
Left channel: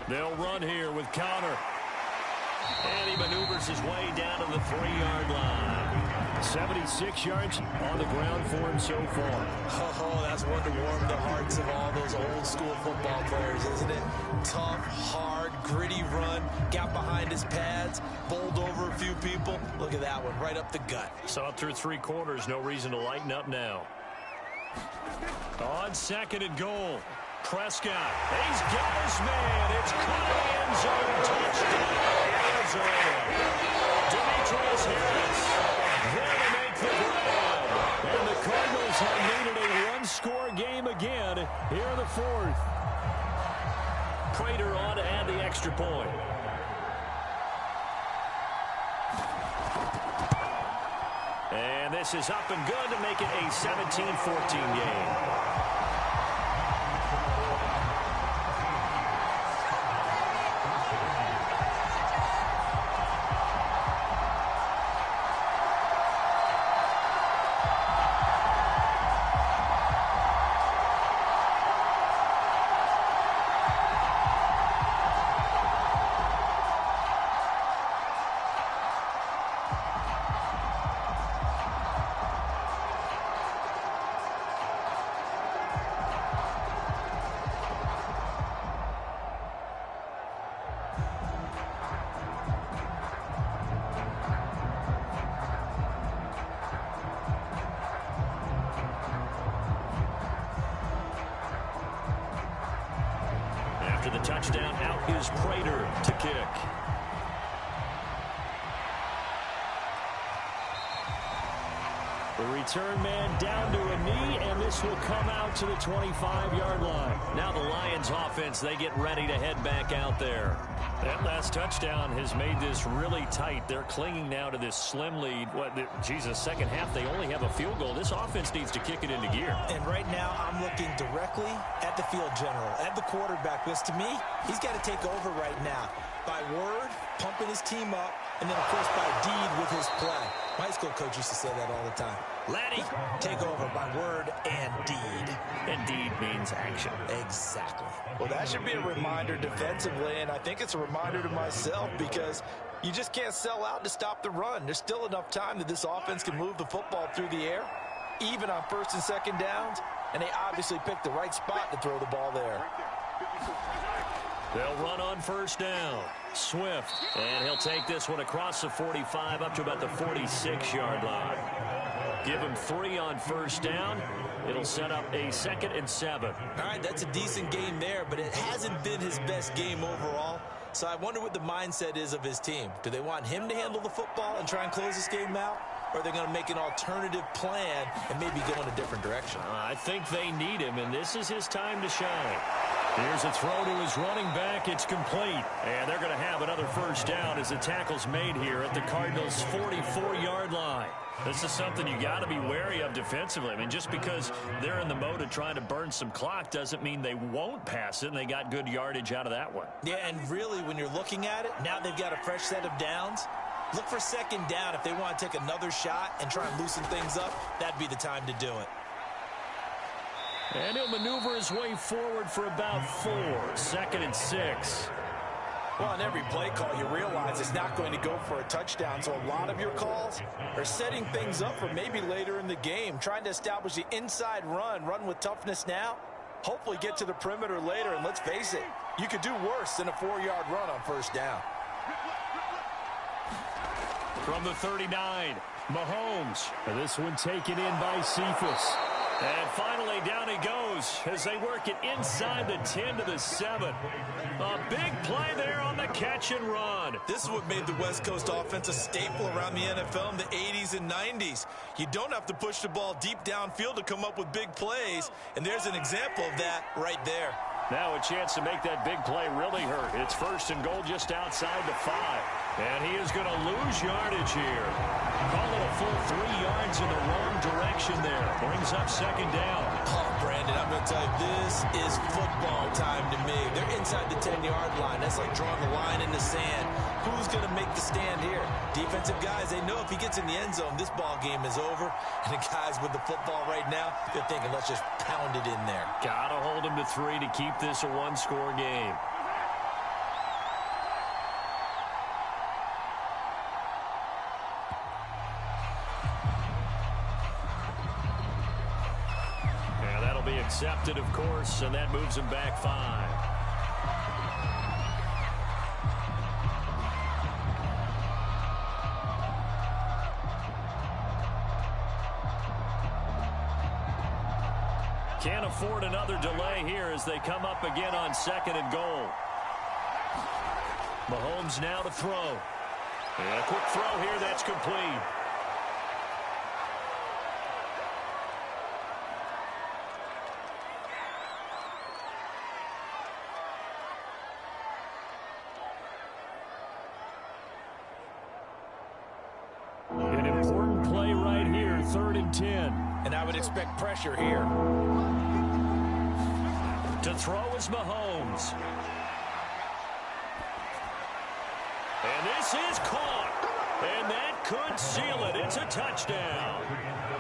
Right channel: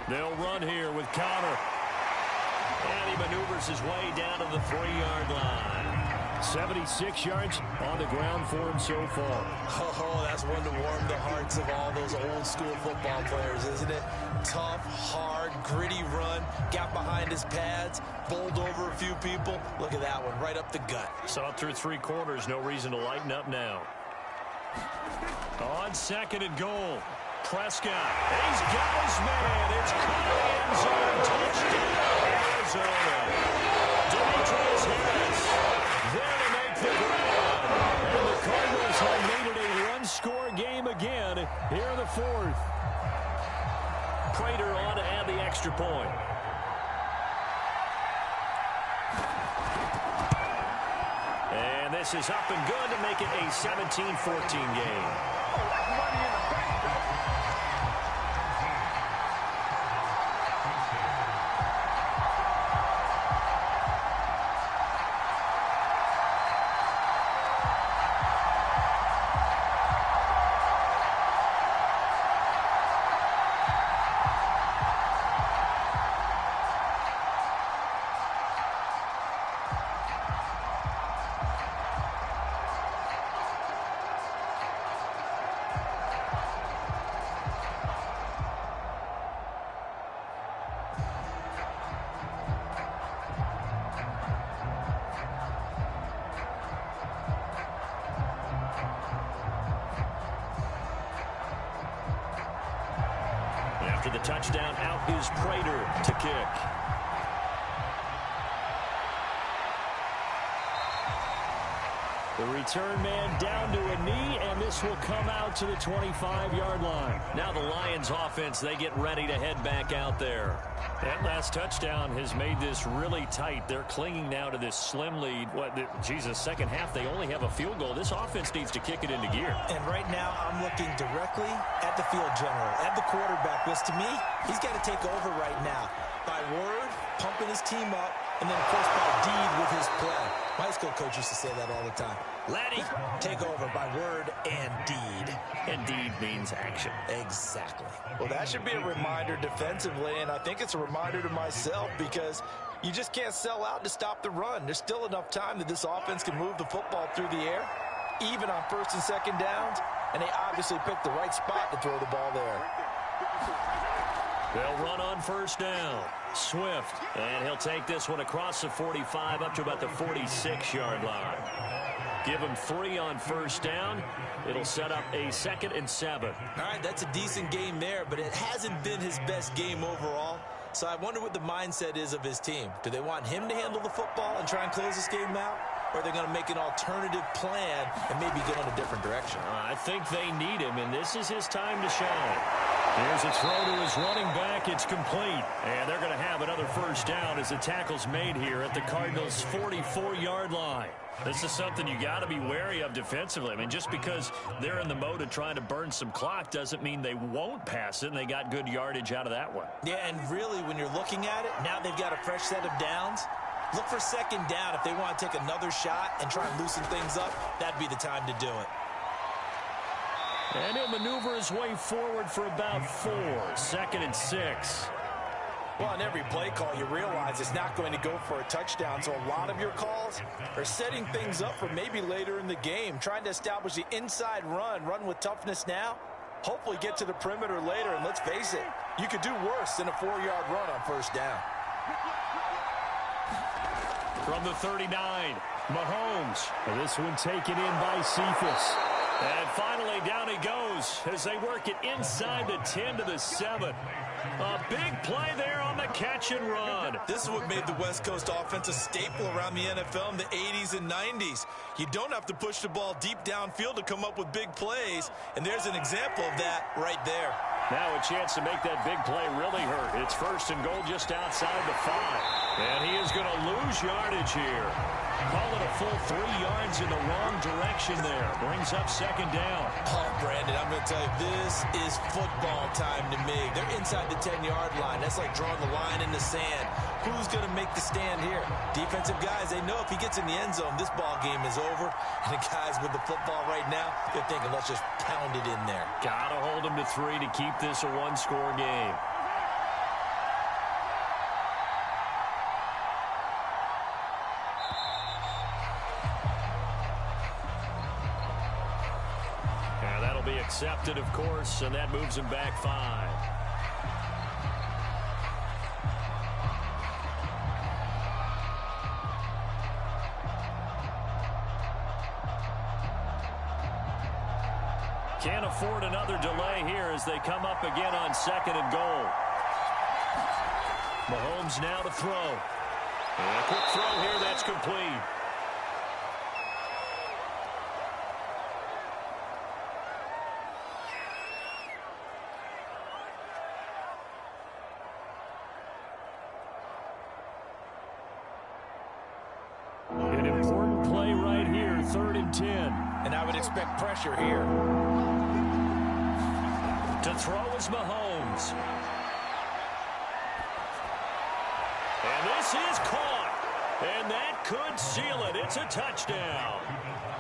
They'll run here with Connor. And he maneuvers his way down to the 3-yard line. 76 yards on the ground for him so far. Oh, that's one to warm the hearts of all those old school football players, isn't it? Tough, hard, gritty run. Got behind his pads, bowled over a few people. Look at that one, right up the gut. Saw through 3 quarters, no reason to lighten up now. On second and goal, Prescott. He's got his man. It's caught in the end zone. Touchdown, Arizona. Demetrius Harris there to make the grab. And the Cardinals have made it a one-score game again here in the 4th. Prater on to add the extra point. And this is up and good to make it a 17-14 game. After the touchdown, out is Prater to kick. The return man down to a knee, and this will come out to the 25-yard line. Now the Lions offense, they get ready to head back out there. That last touchdown has made this really tight. They're clinging now to this slim lead. Second half, they only have a field goal. This offense needs to kick it into gear. And right now, I'm looking directly at the field general, at the quarterback, because to me, he's got to take over right now. By word, pumping his team up, and then, of course, by deed with his play. My high school coach used to say that all the time. Laddie, take over by word and deed. And deed means action. Exactly. Well, that should be a reminder defensively, and I think it's a reminder to myself because you just can't sell out to stop the run. There's still enough time that this offense can move the football through the air, even on first and second downs, and they obviously picked the right spot to throw the ball there. They'll run on first down. Swift, and he'll take this one across the 45 up to about the 46-yard line. Give him 3 on first down. It'll set up a 2nd and 7. All right, that's a decent game there, but it hasn't been his best game overall. So I wonder what the mindset is of his team. Do they want him to handle the football and try and close this game out? Or are they going to make an alternative plan and maybe go in a different direction? I think they need him, and this is his time to shine. Here's a throw to his running back. It's complete. And they're going to have another first down as the tackle's made here at the Cardinals' 44-yard line. This is something you got to be wary of defensively. I mean, just because they're in the mode of trying to burn some clock doesn't mean they won't pass it, and they got good yardage out of that one. Yeah, and really, when you're looking at it, now they've got a fresh set of downs. Look for second down. If they want to take another shot and try and loosen things up, that'd be the time to do it. And he'll maneuver his way forward for about 4. 2nd and 6. Well, on every play call, you realize it's not going to go for a touchdown. So a lot of your calls are setting things up for maybe later in the game, trying to establish the inside run with toughness now, hopefully get to the perimeter later. And let's face it, you could do worse than a 4-yard run on first down. From the 39, Mahomes. This one taken in by Cephas. And finally, down he goes as they work it inside the 10 to the 7. A big play there on the catch and run. This is what made the West Coast offense a staple around the NFL in the 80s and 90s. You don't have to push the ball deep downfield to come up with big plays, and there's an example of that right there. Now a chance to make that big play really hurt. It's 1st and goal just outside the 5. And he is going to lose yardage here. Call it a full 3 yards in the wrong direction there. Brings up second down. Oh, Brandon, I'm going to tell you, this is football time to me. They're inside the 10-yard line. That's like drawing the line in the sand. Who's going to make the stand here? Defensive guys, they know if he gets in the end zone, this ball game is over. And the guys with the football right now, they're thinking, let's just pound it in there. Got to hold him to 3 to keep this a one-score game. Be accepted, of course, and that moves him back 5. Can't afford another delay here as they come up again on 2nd and goal. Mahomes now to throw. And a quick throw here, that's complete. And I would expect pressure here. To throw is Mahomes. And this is caught. And that could seal it. It's a touchdown.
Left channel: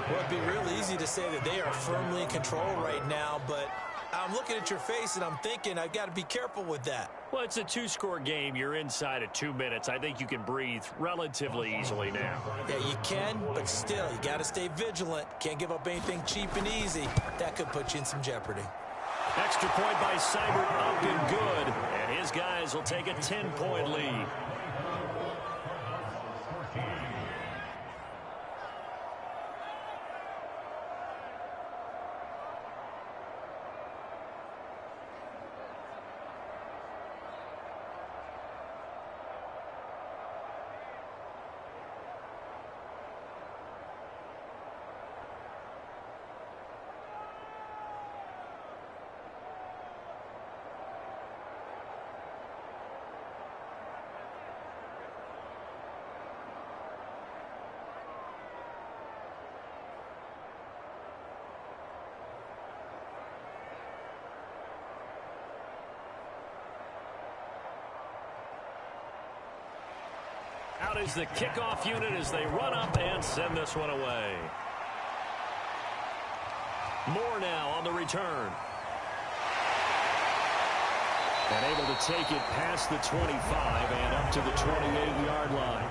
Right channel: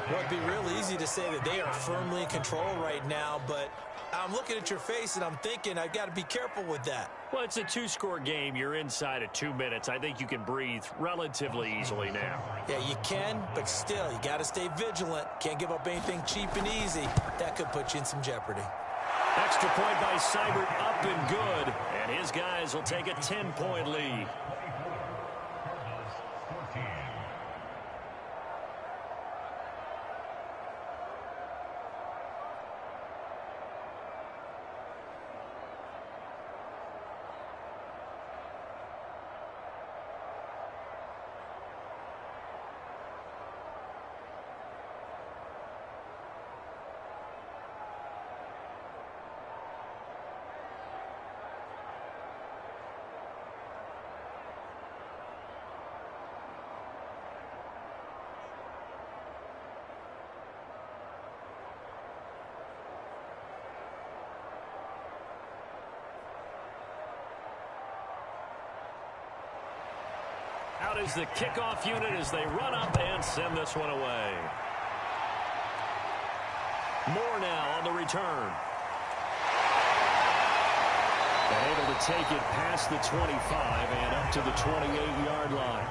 Well, it'd be real easy to say that they are firmly in control right now, but I'm looking at your face and I'm thinking I've got to be careful with that. Well, it's a 2-score game. You're inside of 2 minutes. I think you can breathe relatively easily now. Yeah, you can, but still, you got to stay vigilant. Can't give up anything cheap and easy. That could put you in some jeopardy. Extra point by Seibert, up and good. And his guys will take a 10-point lead. Out is the kickoff unit as they run up and send this one away. Moore now on the return. And able to take it past the 25 and up to the 28-yard line.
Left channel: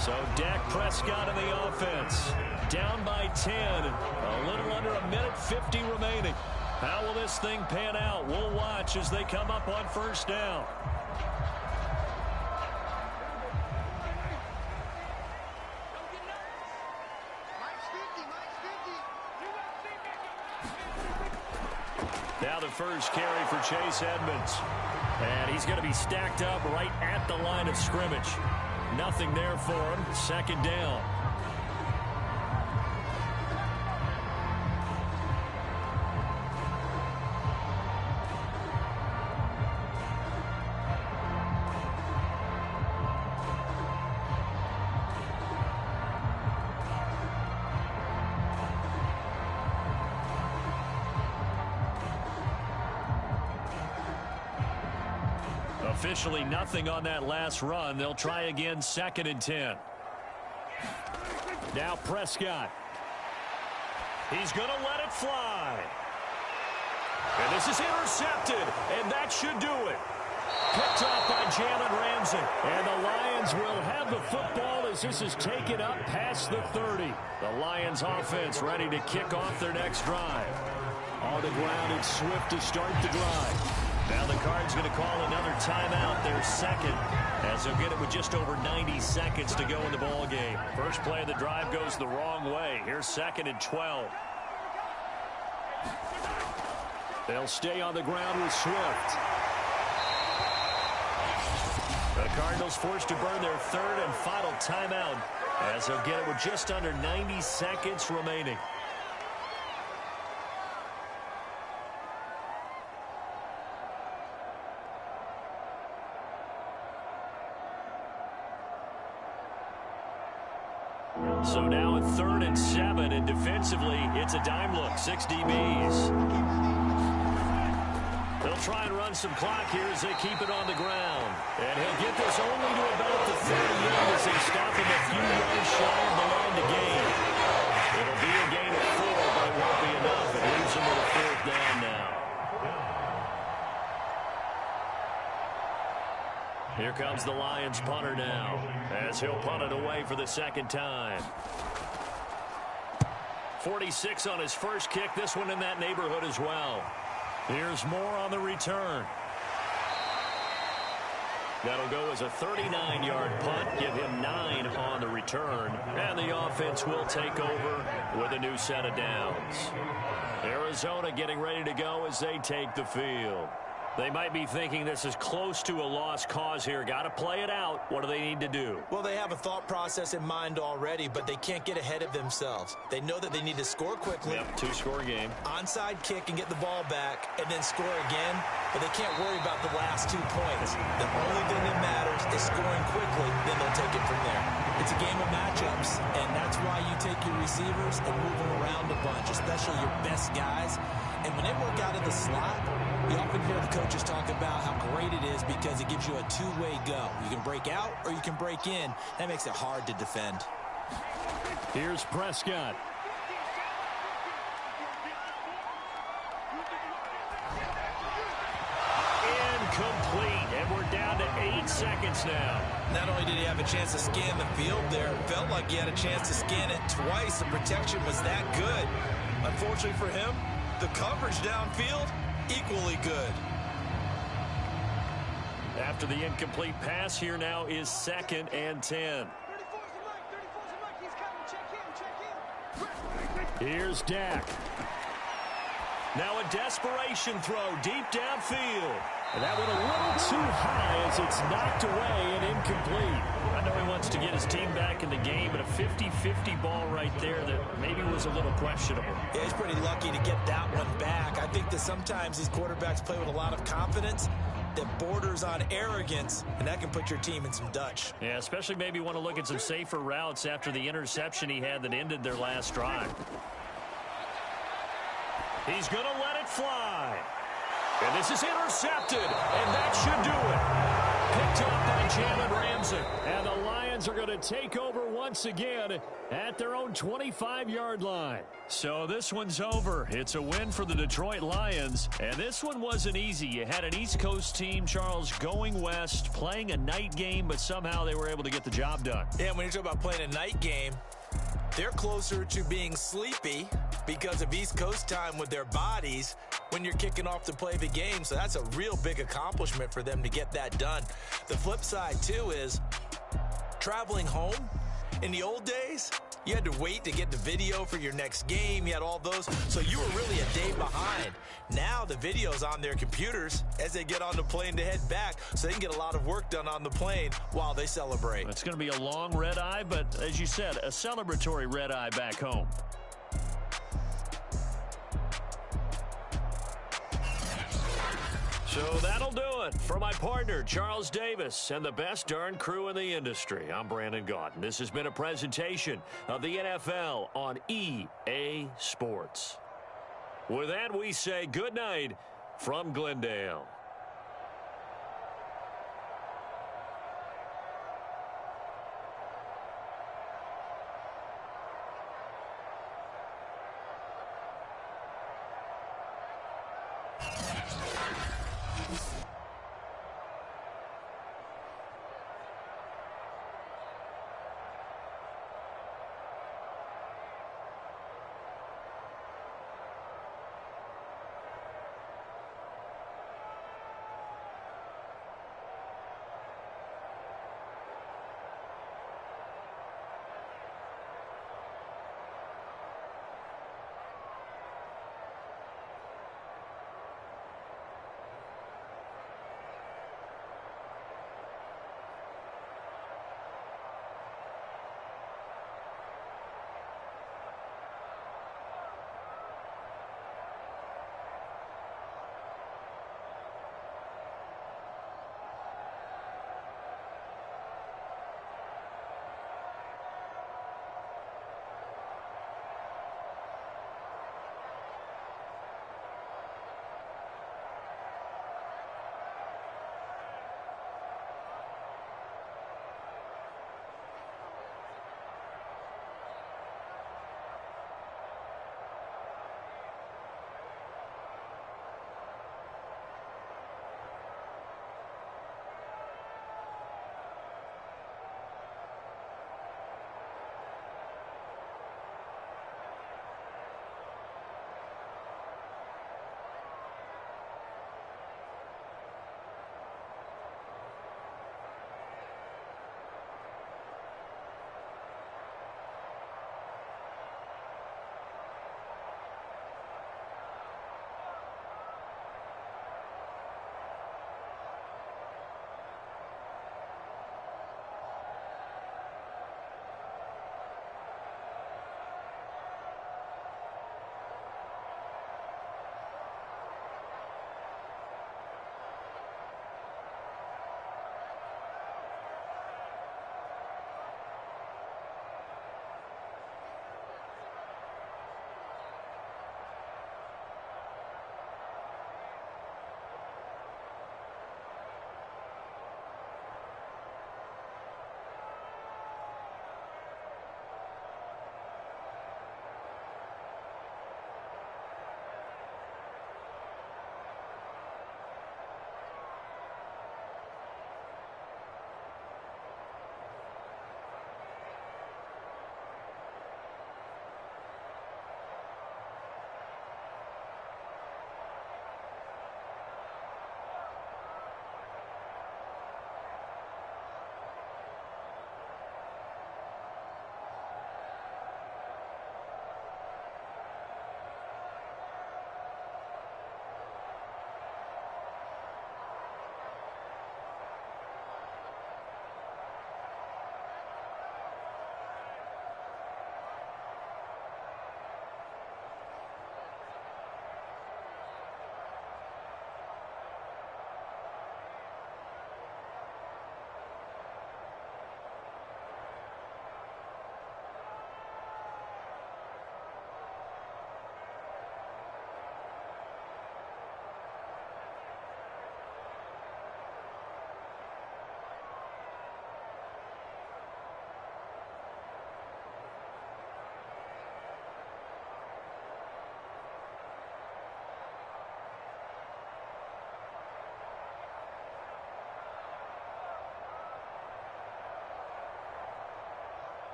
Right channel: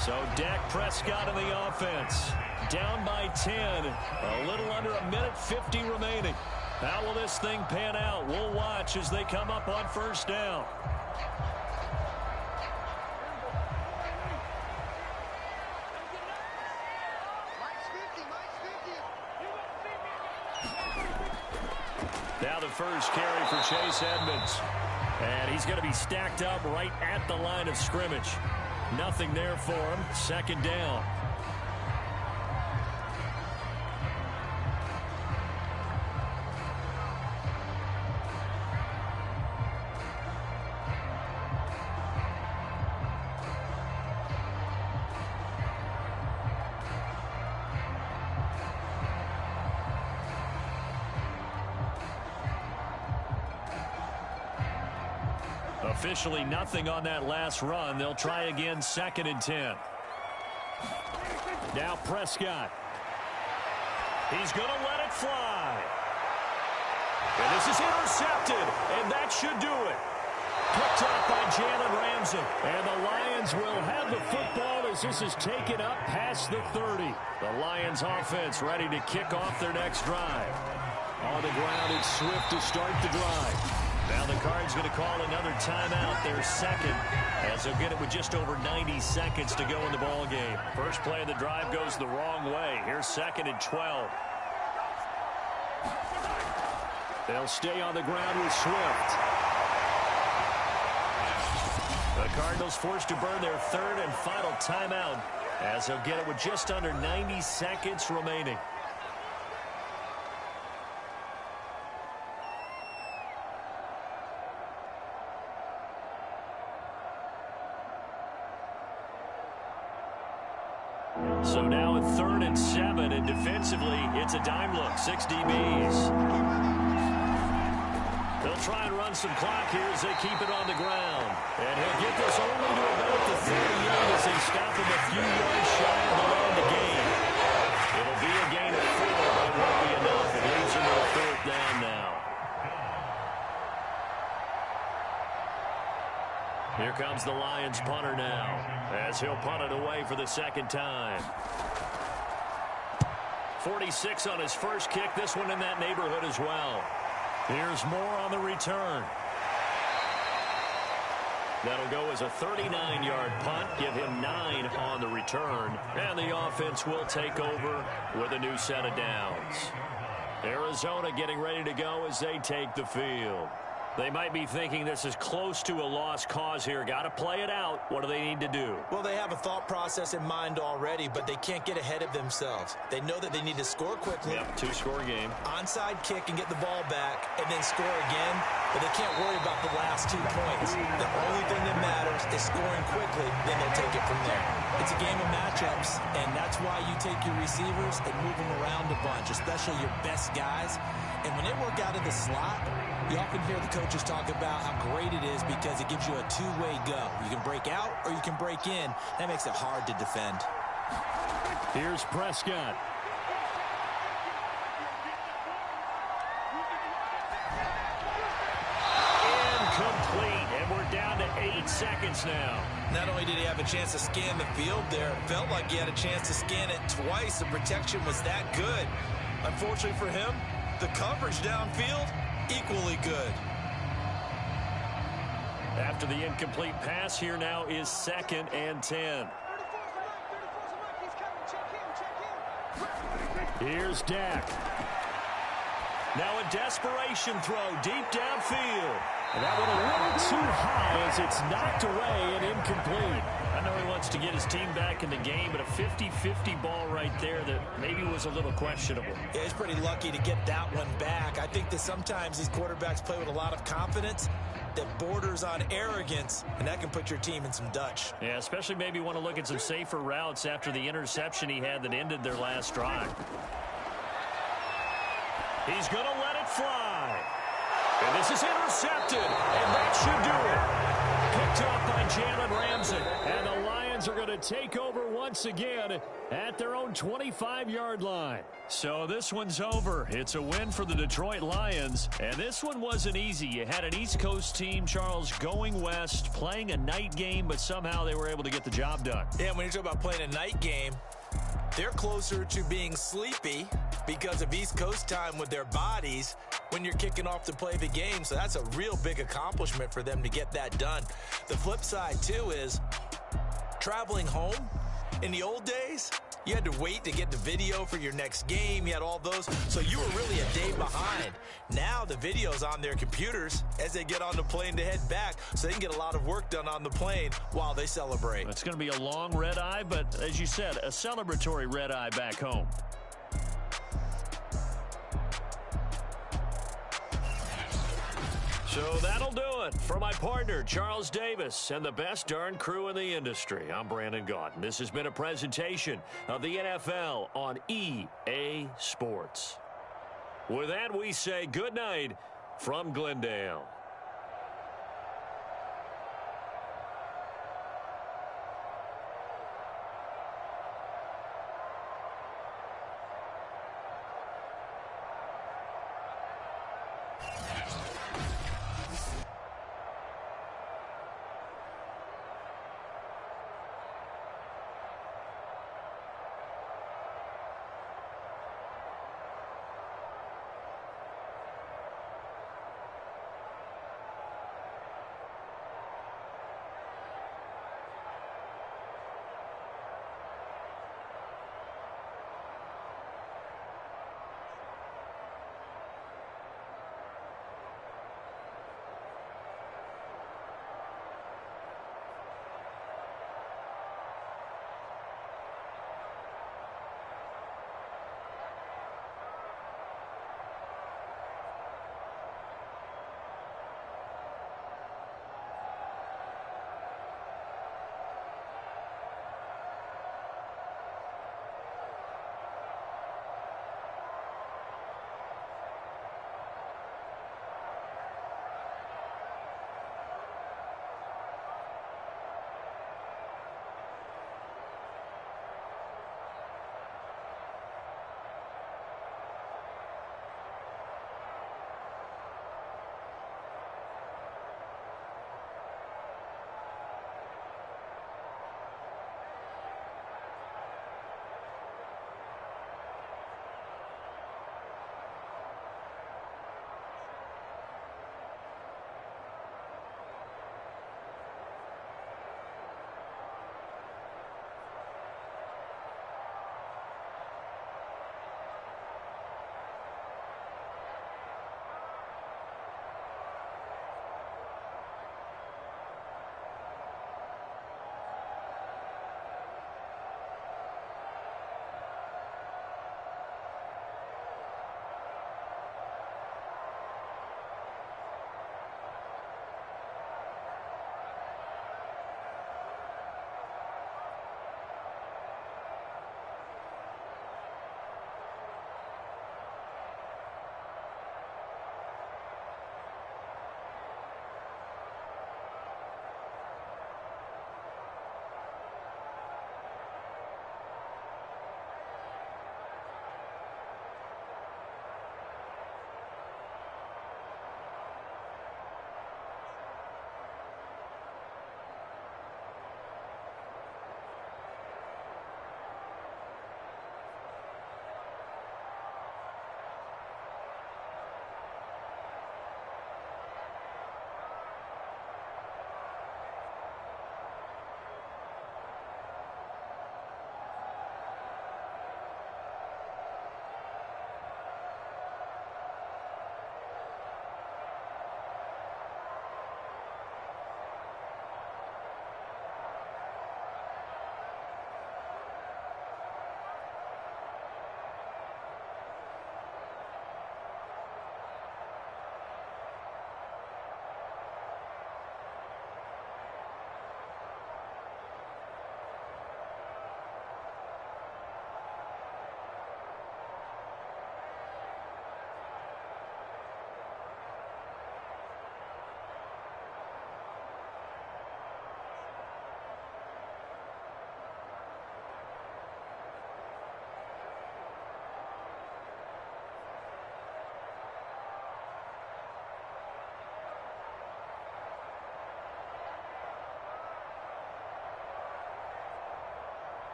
So Dak Prescott in the offense. Down by 10. A little under a minute 50 remaining. How will this thing pan out? We'll watch as they come up on first down. Now the first carry for Chase Edmonds. And he's going to be stacked up right at the line of scrimmage. Nothing there for him. Second down. Officially nothing on that last run. They'll try again, 2nd and 10. Now Prescott. He's going to let it fly. And this is intercepted, and that should do it. Picked up by Jalen Ramsey. And the Lions will have the football as this is taken up past the 30. The Lions offense ready to kick off their next drive. On the ground, it's Swift to start the drive. Now the Cards going to call another timeout, their second, as they'll get it with just over 90 seconds to go in the ball game. First play of the drive goes the wrong way. Here's 2nd and 12. They'll stay on the ground with Swift. The Cardinals forced to burn their third and final timeout as they'll get it with just under 90 seconds remaining. So now at 3rd and 7, and defensively, it's a dime look, 6 DBs. They'll try and run some clock here as they keep it on the ground. And he'll get this only to about the 38 as they stop him a few yards shy of the line to gain. It'll be a gain of 4, but it won't be enough. It leaves him with a 4th down now. Here comes the Lions punter now, as he'll punt it away for the 2nd time. 46 on his first kick, this one in that neighborhood as well. Here's more on the return. That'll go as a 39-yard punt, give him 9 on the return, and the offense will take over with a new set of downs. Arizona getting ready to go as they take the field. They might be thinking this is close to a lost cause here. Got to play it out. What do they need to do? Well, they have a thought process in mind already, but they can't get ahead of themselves. They know that they need to score quickly. Yep, 2-score game. Onside kick and get the ball back and then score again, but they can't worry about the last 2 points. The only thing that matters is scoring quickly, then they'll take it from there. It's a game of matchups, and that's why you take your receivers and move them around a bunch, especially your best guys. And when they work out of the slot, you often hear the coaches talk about how great it is because it gives you a two-way go. You can break out or you can break in. That makes it hard to defend. Here's Prescott. Incomplete, and we're down to 8 seconds now. Not only did he have a chance to scan the field there, it felt like he had a chance to scan it twice. The protection was that good. Unfortunately for him, the coverage downfield, equally good. After the incomplete pass, here now is 2nd and 10. Here's Dak. Now a desperation throw deep downfield. And that went a little too high as it's knocked away and incomplete. I know he wants to get his team back in the game, but a 50-50 ball right there that maybe was a little questionable. Yeah, he's pretty lucky to get that one back. I think that sometimes these quarterbacks play with a lot of confidence that borders on arrogance, and that can put your team in some Dutch. Yeah, especially maybe want to look at some safer routes after the interception he had that ended their last drive. He's going to let it fly. And this is intercepted, and that should do it. Picked up by Jalen Ramsey. And the Lions are going to take over once again at their own 25-yard line. So this one's over. It's a win for the Detroit Lions. And this one wasn't easy. You had an East Coast team, Charles, going west, playing a night game, but somehow they were able to get the job done. Yeah, when you talk about playing a night game, they're closer to being sleepy because of East Coast time with their bodies when you're kicking off to play the game. So that's a real big accomplishment for them to get that done. The flip side, too, is traveling home. In the old days, you had to wait to get the video for your next game. You had all those. So you were really a day behind. Now the video's on their computers as they get on the plane to head back, so they can get a lot of work done on the plane while they celebrate. It's going to be a long red eye, but as you said, a celebratory red eye back home. So that'll do it for my partner, Charles Davis, and the best darn crew in the industry. I'm Brandon Gaunt. This has been a presentation of the NFL on EA Sports. With that, we say good night from Glendale.